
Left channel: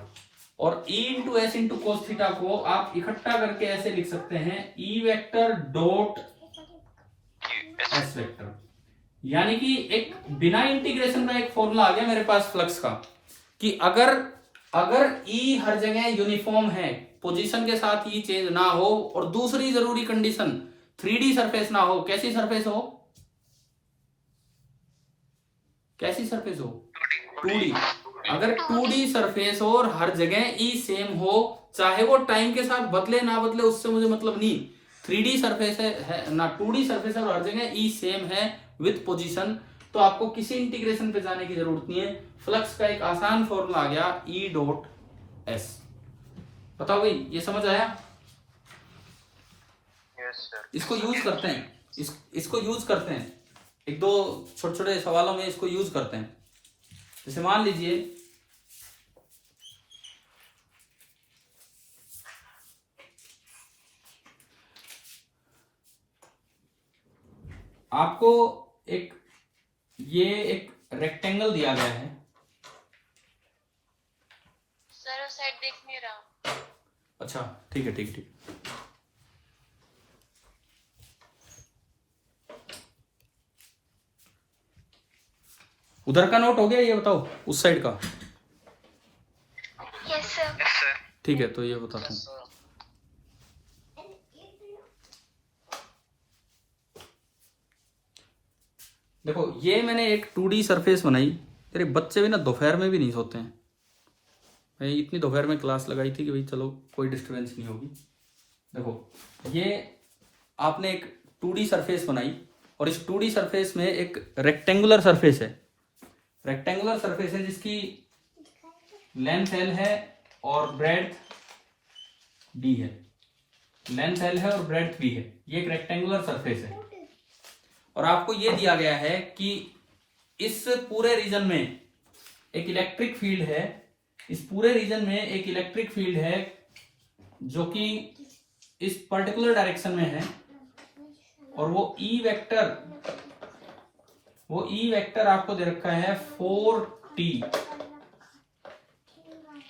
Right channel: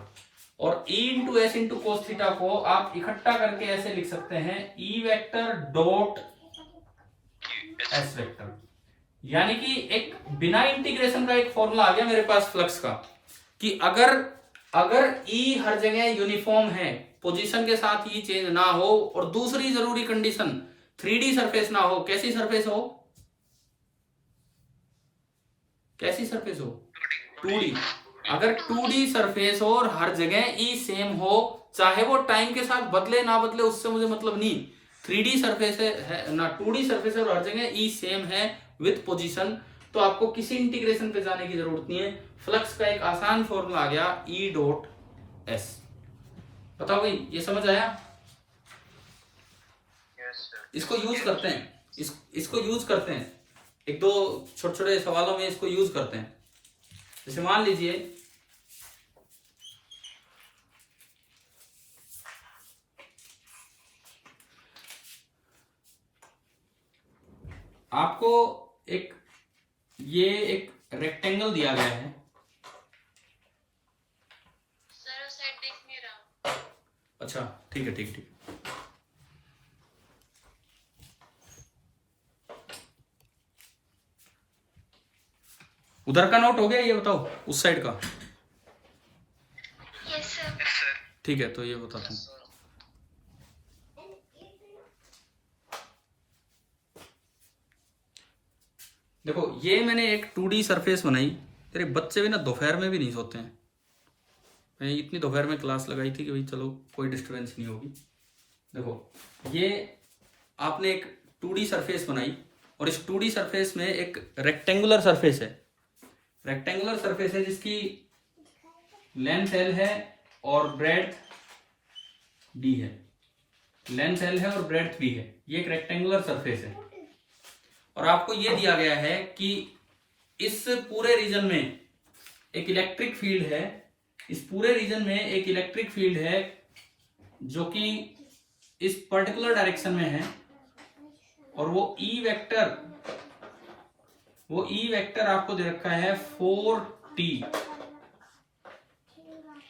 और E into S into cos theta को आप इकट्ठा करके ऐसे लिख सकते हैं, E vector dot S vector. यानी कि एक बिना इंटीग्रेशन का एक फॉर्मूला आ गया मेरे पास फ्लक्स का, कि अगर ई हर जगह यूनिफॉर्म है, पोजीशन के साथ ई चेंज ना हो, और दूसरी जरूरी कंडीशन 3D सरफेस ना हो। कैसी सरफेस हो? कैसी सरफेस हो? 2D। अगर 2D सरफेस हो और हर जगह ई सेम हो, चाहे वो टाइम के साथ बदले ना बदले, उससे मुझे मतलब नहीं। 3D सरफेस है ना, 2D सरफेस है और हर जगह ई सेम है विथ पोजीशन, तो आपको किसी इंटीग्रेशन पे जाने की जरूरत नहीं है। फ्लक्स का एक आसान फॉर्मूला आ गया, ई डॉट एस। बताओ भाई, ये समझ आया? इसको यूज करते हैं, इसको यूज करते हैं, एक दो छोटे छोटे सवालों में इसको यूज करते हैं। जैसे मान लीजिए आपको एक रेक्टेंगल दिया गया है। सर उस साइड देख नहीं रहा। अच्छा ठीक है, ठीक। उधर का नोट हो गया, ये बताओ उस साइड का। Yes sir. ठीक है, तो ये बताता हूँ। देखो, ये मैंने एक 2D सरफेस बनाई। तेरे बच्चे भी ना दोपहर में भी नहीं सोते हैं। मैं इतनी दोपहर में क्लास लगाई थी कि भाई चलो कोई डिस्टर्बेंस नहीं होगी। देखो, ये आपने एक 2D सरफेस बनाई, और इस 2D सरफेस में एक रेक्टेंगुलर सरफेस है। रेक्टेंगुलर सरफेस है जिसकी लेंथ L है और ब्रेड्थ B है। लेंथ L है और ब्रेड्थ B है। ये एक रेक्टेंगुलर सरफेस है, और आपको ये दिया गया है कि इस पूरे रीजन में एक इलेक्ट्रिक फील्ड है। इस पूरे रीजन में एक इलेक्ट्रिक फील्ड है जो कि इस पर्टिकुलर डायरेक्शन में है, और वो ई वेक्टर आपको दे रखा है 4t।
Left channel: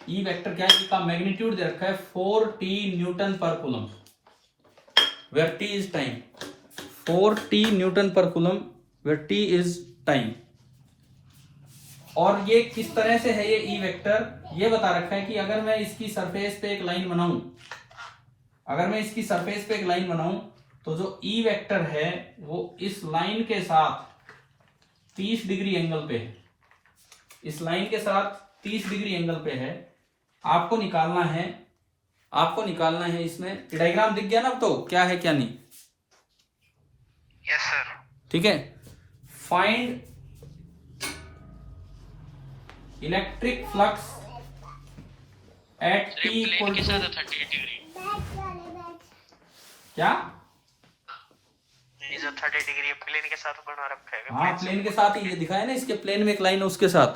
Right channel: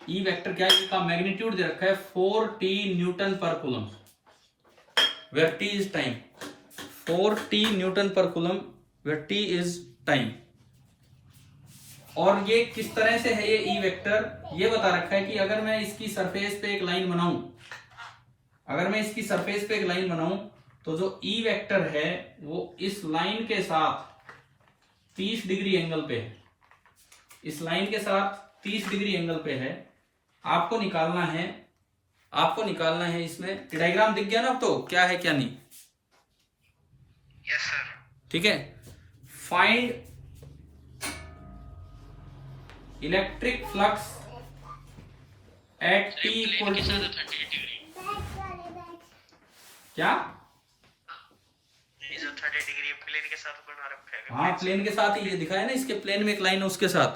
ई वेक्टर क्या है, ई का मैग्नीट्यूड दे रखा है 4t newton per coulomb, where t is time, 4t newton per coulomb where t is time. और ये किस तरह से है ये ई वेक्टर, ये बता रखा है कि अगर मैं इसकी सरफेस पे एक लाइन बनाऊं, अगर मैं इसकी सरफेस पे एक लाइन बनाऊं तो जो ई वेक्टर है वो इस लाइन के साथ 30 डिग्री एंगल पे है, इस लाइन के साथ 30 डिग्री एंगल पे है। आपको निकालना है, आपको निकालना है, इसमें डायग्राम दिख गया ना अब तो क्या है क्या नहीं। Yes sir. ठीक है, find electric flux at t equal to क्या, 30 डिग्री प्लेन के साथ बना रखा है। हाँ प्लेन के साथ ही, ये दिखाया ना इसके प्लेन में एक लाइन है उसके साथ।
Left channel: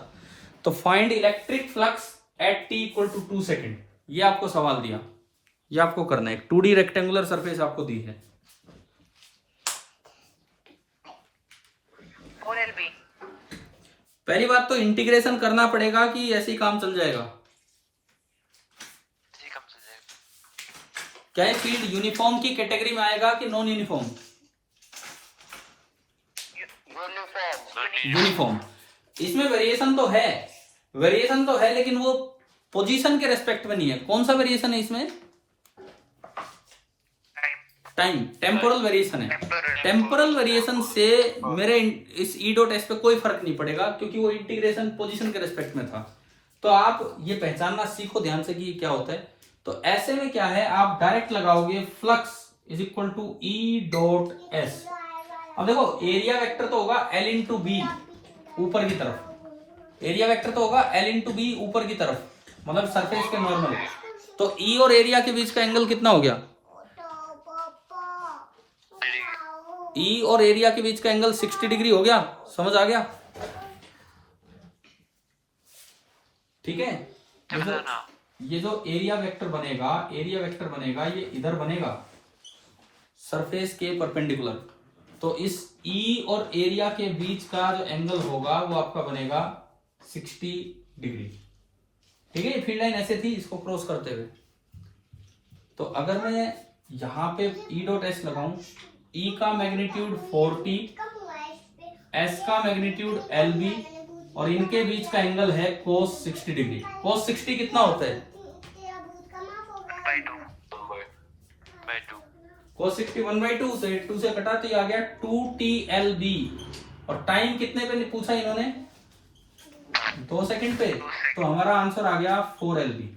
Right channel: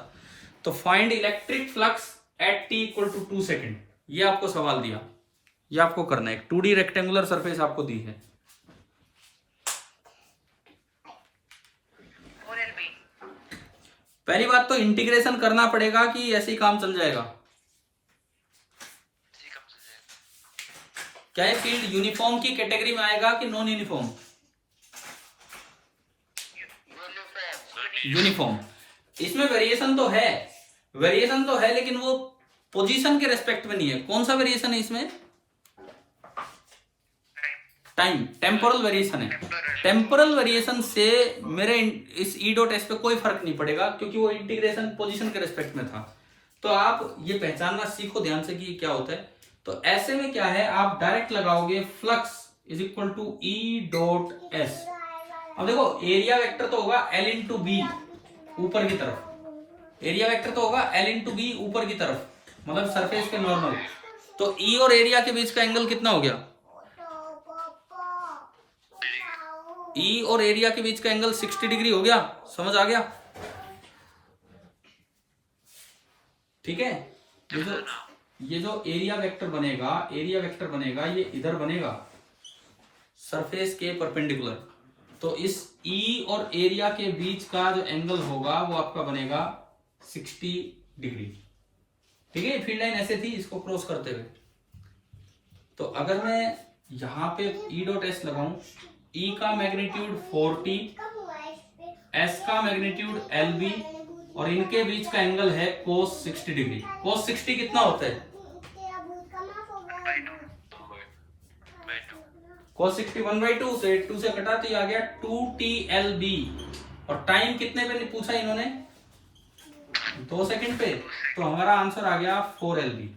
तो find electric flux at t equal to 2 second, ये आपको सवाल दिया, ये आपको करना है। एक 2D रेक्टेंगुलर सरफेस आपको दी है। 4LB। पहली बात तो इंटीग्रेशन करना पड़ेगा कि ऐसे ही काम चल जाएगा। जी कम से जाए। क्या है, फील्ड यूनिफॉर्म की कैटेगरी में आएगा कि नॉन यूनिफॉर्म? यूनिफॉर्म। इसमें वेरिएशन तो है, वेरिएशन तो है, लेकिन वो पोजीशन के रेस्पेक्ट में नहीं है। कौन सा वेरिएशन है इसमें? टाइम, टेम्पोरल वेरिएशन है। टेम्पोरल वेरिएशन से मेरे इस ई डॉट एस पे कोई फर्क नहीं पड़ेगा क्योंकि वो इंटीग्रेशन पोजीशन के रेस्पेक्ट में था। तो आप ये पहचानना सीखो ध्यान से कि ये क्या होता है। तो ऐसे में क्या है, आप डायरेक्ट लगाओगे flux is equal to E dot S. अब देखो एरिया वेक्टर तो होगा L इंटू बी ऊपर की तरफ, एरिया वेक्टर तो होगा L इंटू बी ऊपर की तरफ, मतलब सरफेस पे नॉर्मल। तो ई और एरिया के बीच का एंगल कितना हो गया? ई और एरिया के बीच का एंगल 60 डिग्री हो गया। समझ आ गया? ठीक है, ये जो एरिया वेक्टर बनेगा, एरिया वेक्टर बनेगा, ये इधर बनेगा सरफेस के परपेंडिकुलर। तो इस ई और एरिया के बीच का जो एंगल होगा वो आपका बनेगा 60 डिग्री। ठीक है, फील्ड लाइन ऐसे थी इसको क्रॉस करते हुए। तो अगर मैं यहां पे ई डॉट एस लगाऊं, ई का मैग्नीट्यूड 4t, एस का मैग्नीट्यूड LB और इनके बीच का एंगल है cos 60 डिग्री। cos 60 कितना होता है? cos 60 1/2 से 2 से कटाते ही आ गया 2TLB। और टाइम कितने पे पूछा इन्होंने? 2 सेकंड पे। तो हमारा आंसर आ गया 4LB।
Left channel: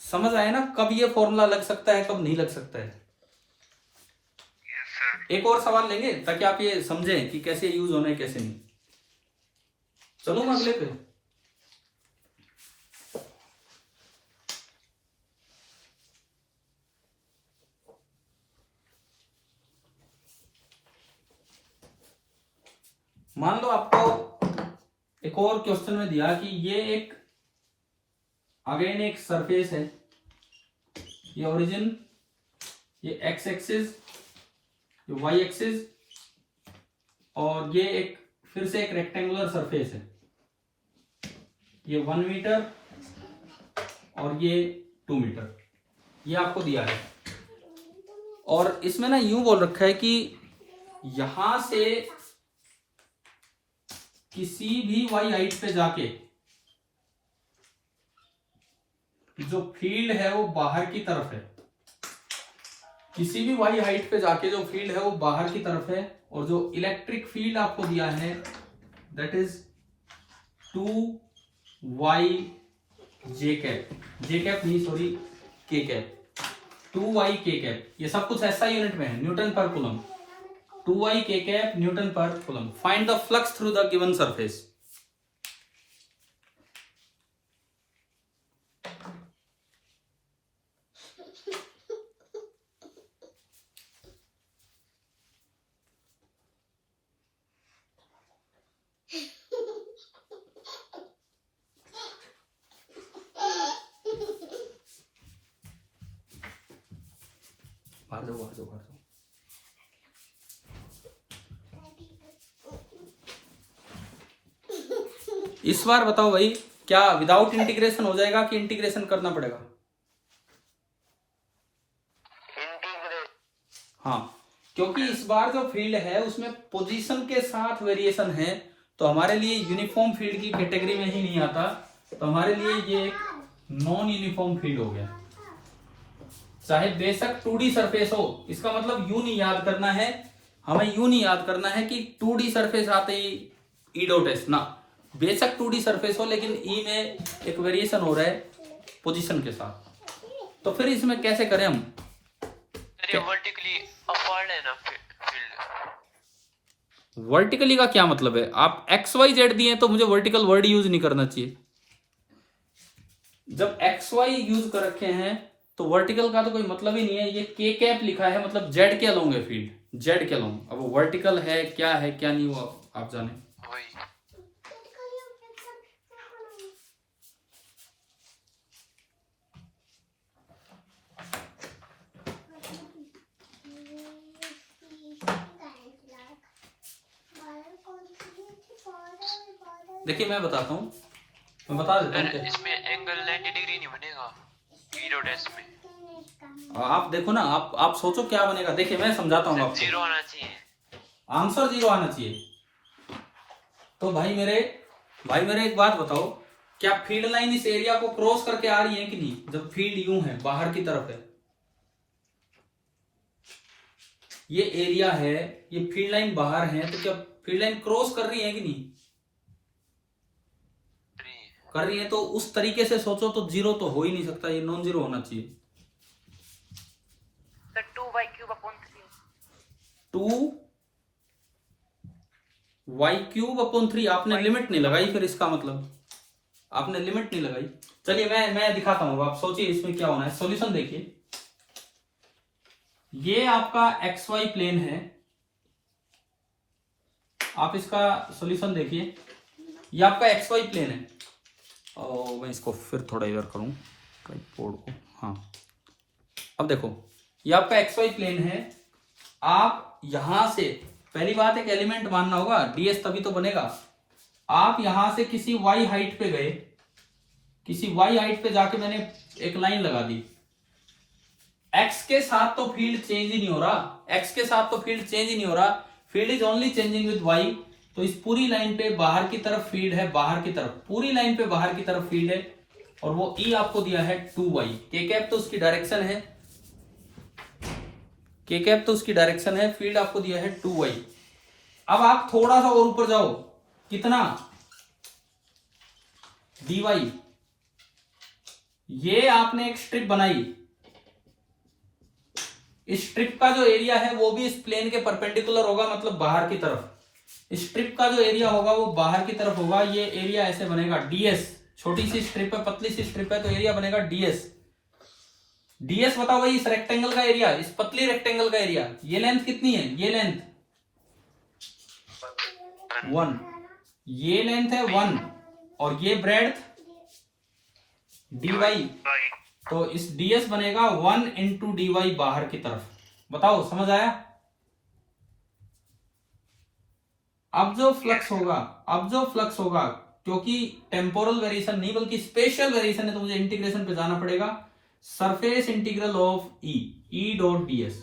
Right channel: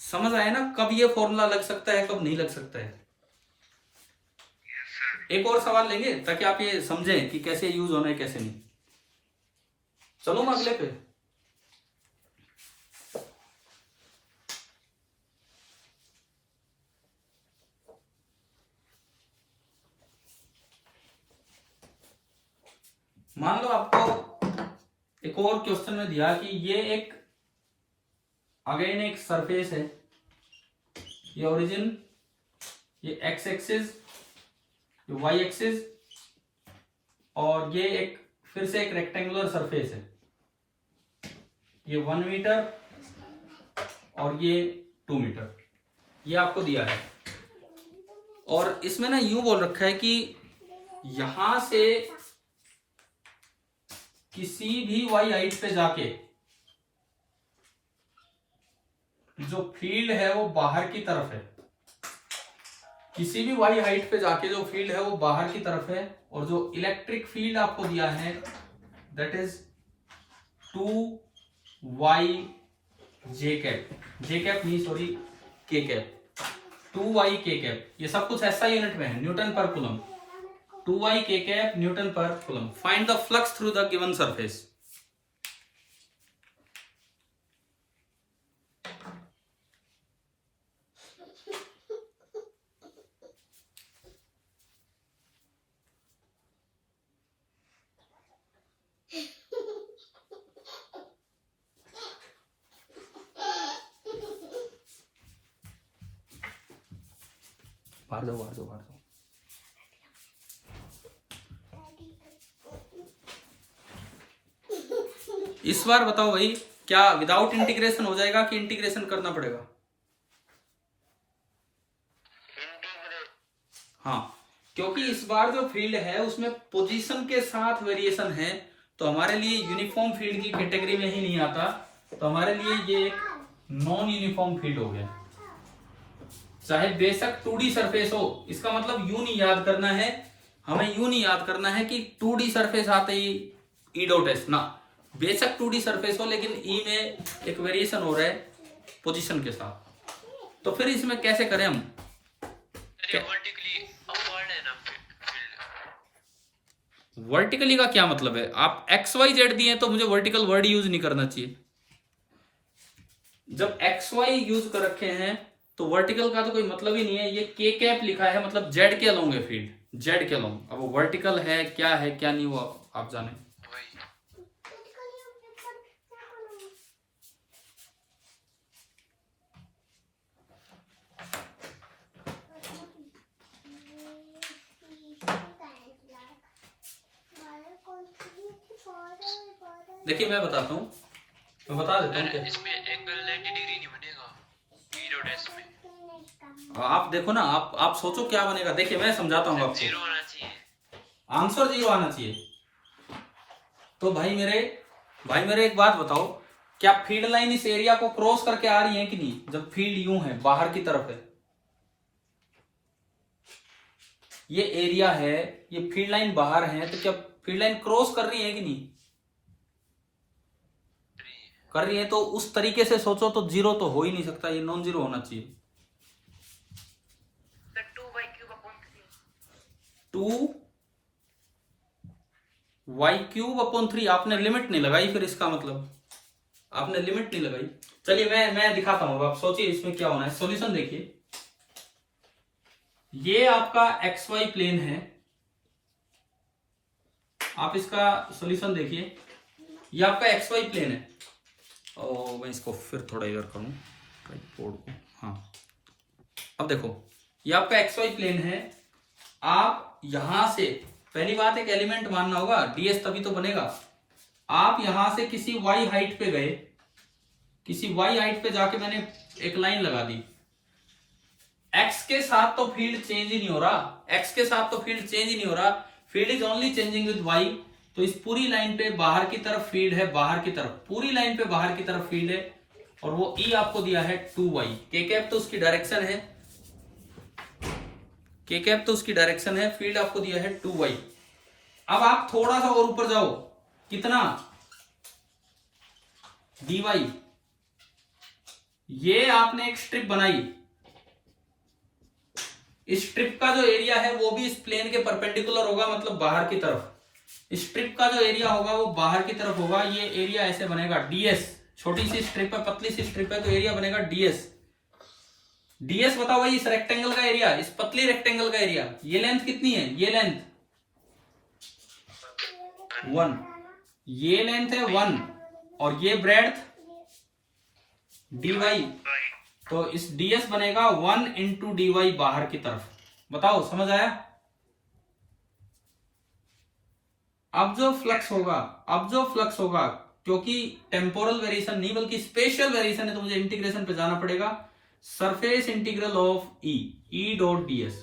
समझ आया ना कब ये फॉर्मूला लग सकता है कब नहीं लग सकता है। एक और सवाल लेंगे ताकि आप ये समझें कि कैसे यूज होना है कैसे नहीं। चलो मैं अगले पे। मान लो आपको एक और क्वेश्चन में दिया कि ये एक अगेन एक सरफेस है, ये ओरिजिन, ये एक्स एक्सिस, ये वाई एक्सिस, और ये एक फिर से एक रेक्टेंगुलर सरफेस है। ये 1 मीटर और ये 2 मीटर, ये आपको दिया है। और इसमें ना यूं बोल रखा है कि यहां से किसी भी वाई हाइट पे जाके जो फील्ड है वो बाहर की तरफ है, किसी भी वाई हाइट पे जाके जो फील्ड है वो बाहर की तरफ है। और जो इलेक्ट्रिक फील्ड आपको दिया है that is 2y j cap, j cap नहीं sorry k cap, 2y k cap. ये सब कुछ ऐसा यूनिट में है, newton per coulomb. 2y k cap newton per coulomb. Find the flux through the given surface. बाहर जाओ बाहर जाओ बाहर जाओ। इस बार बताओ भाई क्या विदाउट इंटीग्रेशन हो जाएगा कि इंटीग्रेशन करना पड़ेगा? इंटीग्रेट। हाँ, क्योंकि इस बार जो फील्ड है उसमें पोजीशन के साथ वेरिएशन है, तो हमारे लिए यूनिफॉर्म फील्ड की कैटेगरी में ही नहीं आता, तो हमारे लिए ये एक नॉन यूनिफॉर्म फील्ड हो गया। चाहे बेशक 2D सरफेस हो, इसका मतलब यूं नहीं याद करना है, हमें यूं नहीं याद करना है कि 2D सरफेस आते ही ई डॉट एस ना, बेशक 2D सरफेस हो लेकिन ई में एक वेरिएशन हो रहा है पोजीशन के साथ। तो फिर इसमें कैसे करें हम? वर्टिकली अपवर्ड है ना फील्ड। वर्टिकली का क्या मतलब है? आप एक्स वाई जेड दिए तो मुझे वर्टिकल वर्ड यूज नहीं करना चाहिए। जब एक्स वाई यूज कर रखे हैं तो वर्टिकल का तो कोई मतलब ही नहीं है। ये के कैप लिखा है मतलब जेड के अलोंग है फील्ड, जेड के अलोंग। अब वर्टिकल है क्या नहीं वो आप जाने। वही देखिए मैं बताता हूँ, मैं बता देता हूँ क्या। इसमें एंगल 90 डिग्री नहीं बनेगा ई डॉट एस में। आप देखो ना, आप सोचो क्या बनेगा। देखिए मैं समझाता हूँ आपको। जीरो आना चाहिए, आंसर 0 आना चाहिए। तो भाई मेरे एक बात बताओ, क्या फील्ड लाइन इस एरिया को क्रॉस करके आ रही है कि नहीं? जब फील्ड यूं है, बाहर की तरफ है, ये एरिया है, ये फील्ड लाइन बाहर है, तो क्या फील्ड लाइन क्रॉस कर रही है कि नहीं? कर रही है। तो उस तरीके से सोचो तो 0 तो हो ही नहीं सकता, ये नॉन जीरो होना चाहिए। 2y³/3 आपने लिमिट नहीं लगाई, फिर इसका मतलब आपने लिमिट नहीं लगाई। चलिए मैं दिखाता हूं, आप सोचिए इसमें क्या होना है। सॉल्यूशन देखिए, ये आपका XY प्लेन है, आप इसका सॉल्यूशन देखिए, ये आपका XY प्लेन है। और मैं इसको फिर थोड़ा इधर करूं ट्राइपॉड को। हाँ, अब देखो ये आपका XY प्लेन है। आप यहां से पहली बात एक एलिमेंट मानना होगा, ds तभी तो बनेगा। आप यहां से किसी y हाइट पे गए, किसी y हाइट पे जाके मैंने एक लाइन लगा दी। x के साथ तो फील्ड चेंज ही नहीं हो रहा, x के साथ तो फील्ड चेंज ही नहीं हो रहा, field is only changing with y। तो इस पूरी लाइन पे बाहर की तरफ फील्ड है, बाहर की तरफ, पूरी लाइन पे बाहर की तरफ फील्ड है, और वो E आपको दिया है 2y। के कैप तो उसकी डायरेक्शन है, के कैप तो उसकी डायरेक्शन है, फील्ड आपको दिया है 2y। अब आप थोड़ा सा और ऊपर जाओ, कितना? dy। ये आपने एक स्ट्रिप बनाई, इस स्ट्रिप का जो एरिया है वो भी इस प्लेन के परपेंडिकुलर होगा, मतलब बाहर की तरफ। इस स्ट्रिप का जो एरिया होगा वो बाहर की तरफ होगा। ये एरिया ऐसे बनेगा ds। छोटी सी स्ट्रिप है, पतली सी स्ट्रिप है, तो एरिया बनेगा ds। ds बताओ भाई, इस रेक्टेंगल का एरिया, इस पतली रेक्टेंगल का एरिया। ये लेंथ कितनी है? ये लेंथ 1, ये लेंथ है 1, और ये ब्रेड्थ dy। तो इस ds बनेगा 1 इंटू dy बाहर की तरफ। बताओ समझ आया? अब जो फ्लक्स होगा, क्योंकि टेम्पोरल वेरिएशन नहीं बल्कि स्पेशल वेरिएशन है, तो मुझे इंटीग्रेशन पे जाना पड़ेगा। Surface integral of E dot ds।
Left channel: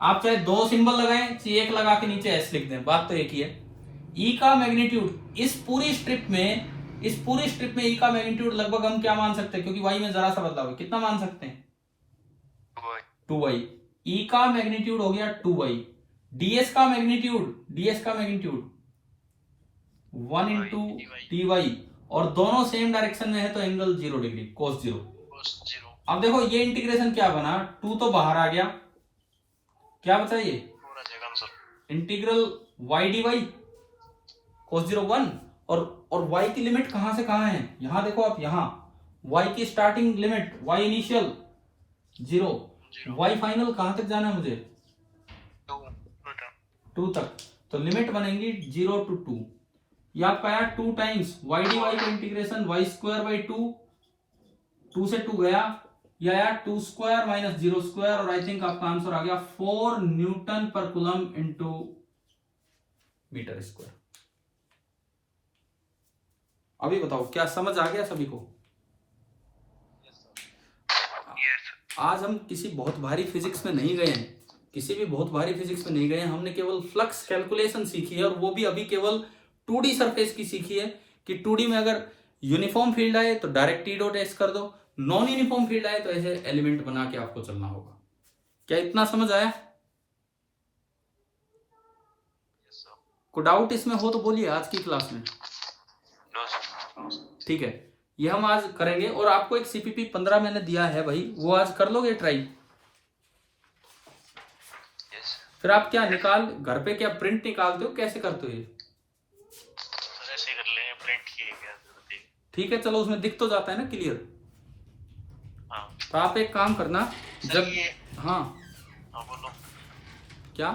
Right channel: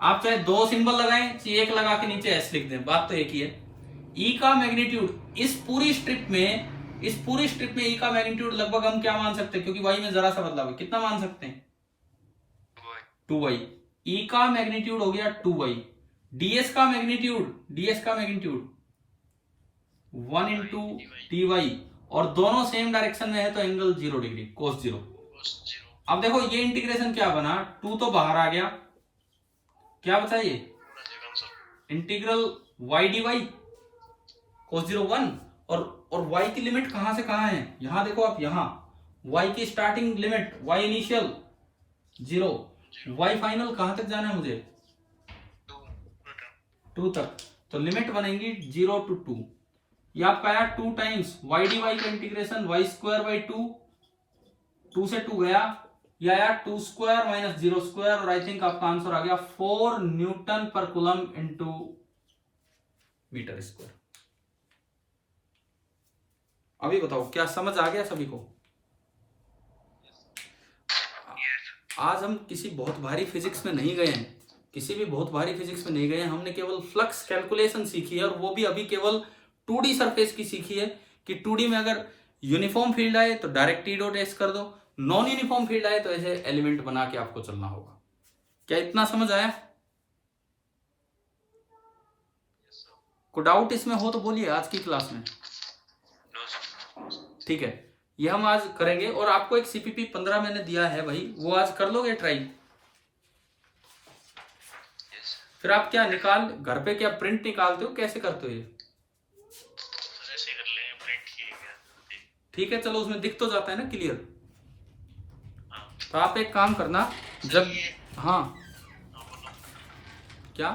आप चाहे 2 सिंबल लगाएं, चाहे एक लगा के नीचे s लिख दें, बात तो एक ही है। ई का मैग्नीट्यूड इस पूरी स्ट्रिप में ई का मैग्नीट्यूड लगभग हम क्या मान सकते हैं, क्योंकि y में जरा सा बदलाव है, कितना मान सकते हैं? 2y। ई का मैग्नीट्यूड हो गया 2y। ds का मैग्नीट्यूड 1 इंटू dy, और दोनों सेम डायरेक्शन में है तो एंगल 0 डिग्री, cos 0। अब देखो ये इंटीग्रेशन क्या बना, 2 तो बाहर आ गया, क्या बचा ये? इंटीग्रल y dy cos 0 1, और y की लिमिट कहां से कहां है? यहां देखो आप, यहां y की starting limit, y initial 0, y final कहां तक जाना है मुझे? 2 तक। तो लिमिट बनेगी 0 to 2। ये आपका आया 2 टाइम्स y dy का इंटीग्रेशन y²/2, 2 से 2 गया, ये आया 2² माइनस 0², और आई थिंक आपका आंसर आ गया 4 Newton per coulomb into metre square. अभी बताओ क्या समझ आ गया सभी को? आज हम किसी बहुत भारी फिजिक्स में नहीं गए हैं, किसी भी बहुत भारी फिजिक्स में नहीं गए हैं। हमने केवल फ्लक्स कैलकुलेशन सीखी है, और वो भी अभी केवल 2D सरफेस की सीखी है कि 2D में अगर यूनिफॉर्म फील्ड आए तो डायरेक्ट टी डॉट एस कर दो, नॉन यूनिफॉर्म फील्ड आए तो ऐसे एलिमेंट बना के आपको चलना होगा। क्या इतना समझ आया? कोई डाउट इसमें हो तो बोलिए आज की क्लास में। No, sir. ठीक है, ये हम आज करेंगे। और आपको एक CPP 15 मैंने दिया है भाई, वो आज कर लोगे ट्राई? Yes, sir. फिर आप क्या निकाल घर पे क्या प्रिंट निकालते हो, कैसे करते हो ये? सर ऐसे ही कर लेंगे, प्रिंट किए क्या जरूरत है? ठीक है, चलो उसमें दिख तो जाता है ना क्लियर। हाँ तो आप एक काम करना, जब हाँ हाँ बोलो। क्या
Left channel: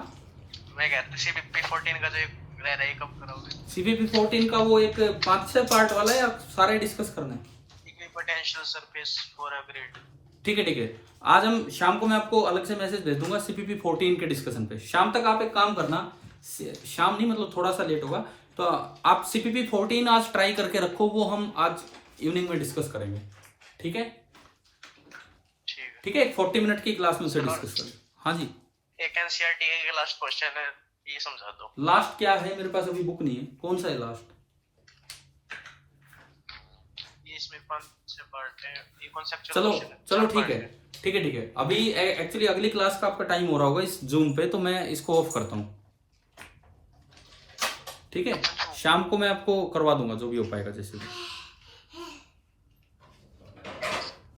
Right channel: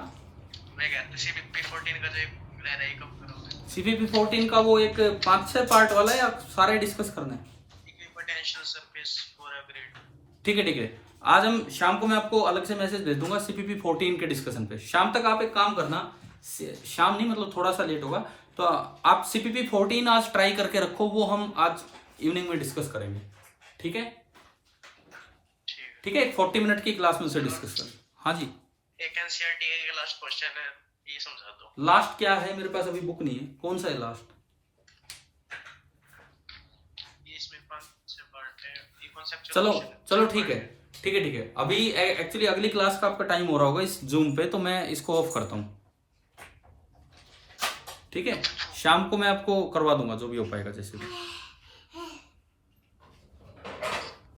मैं कहता हूँ CPP 14 का जो रह रहा है कब करोगे? CPP 14 का वो एक 5-6 पार्ट वाला है, या सारे डिस्कस करना है? Equipotential surface for a grid. ठीक है ठीक है, आज हम शाम को मैं आपको अलग से मैसेज भेज दूंगा CPP 14 के डिस्कशन पे। शाम तक आप एक काम करना, शाम नहीं मतलब थोड़ा सा लेट होगा, तो आप CPP 14 आज ट्राई करके रखो, वो हम आज इवनिंग में डिस्कस करेंगे। ठीक है ठीक है, एक 40 मिनट की क्लास में उसे डिस्कस कर। हाँ जी, एक एनसीईआरटी का लास्ट क्वेश्चन है, ये समझा दो। लास्ट क्या है? मेरे पास अभी बुक नहीं है, कौन सा है लास्ट? ये इसमें 5 पार्ट है, ये कॉन्सेप्चुअल। चलो चलो ठीक है ठीक है ठीक है। अभी एक्चुअली अगली क्लास का आपका टाइम हो रहा होगा इस जूम पे, तो मैं इसको ऑफ करता हूँ। ठीक है, शाम को मैं आपको करवा दूंगा जो भी हो पाएगा जैसे भी।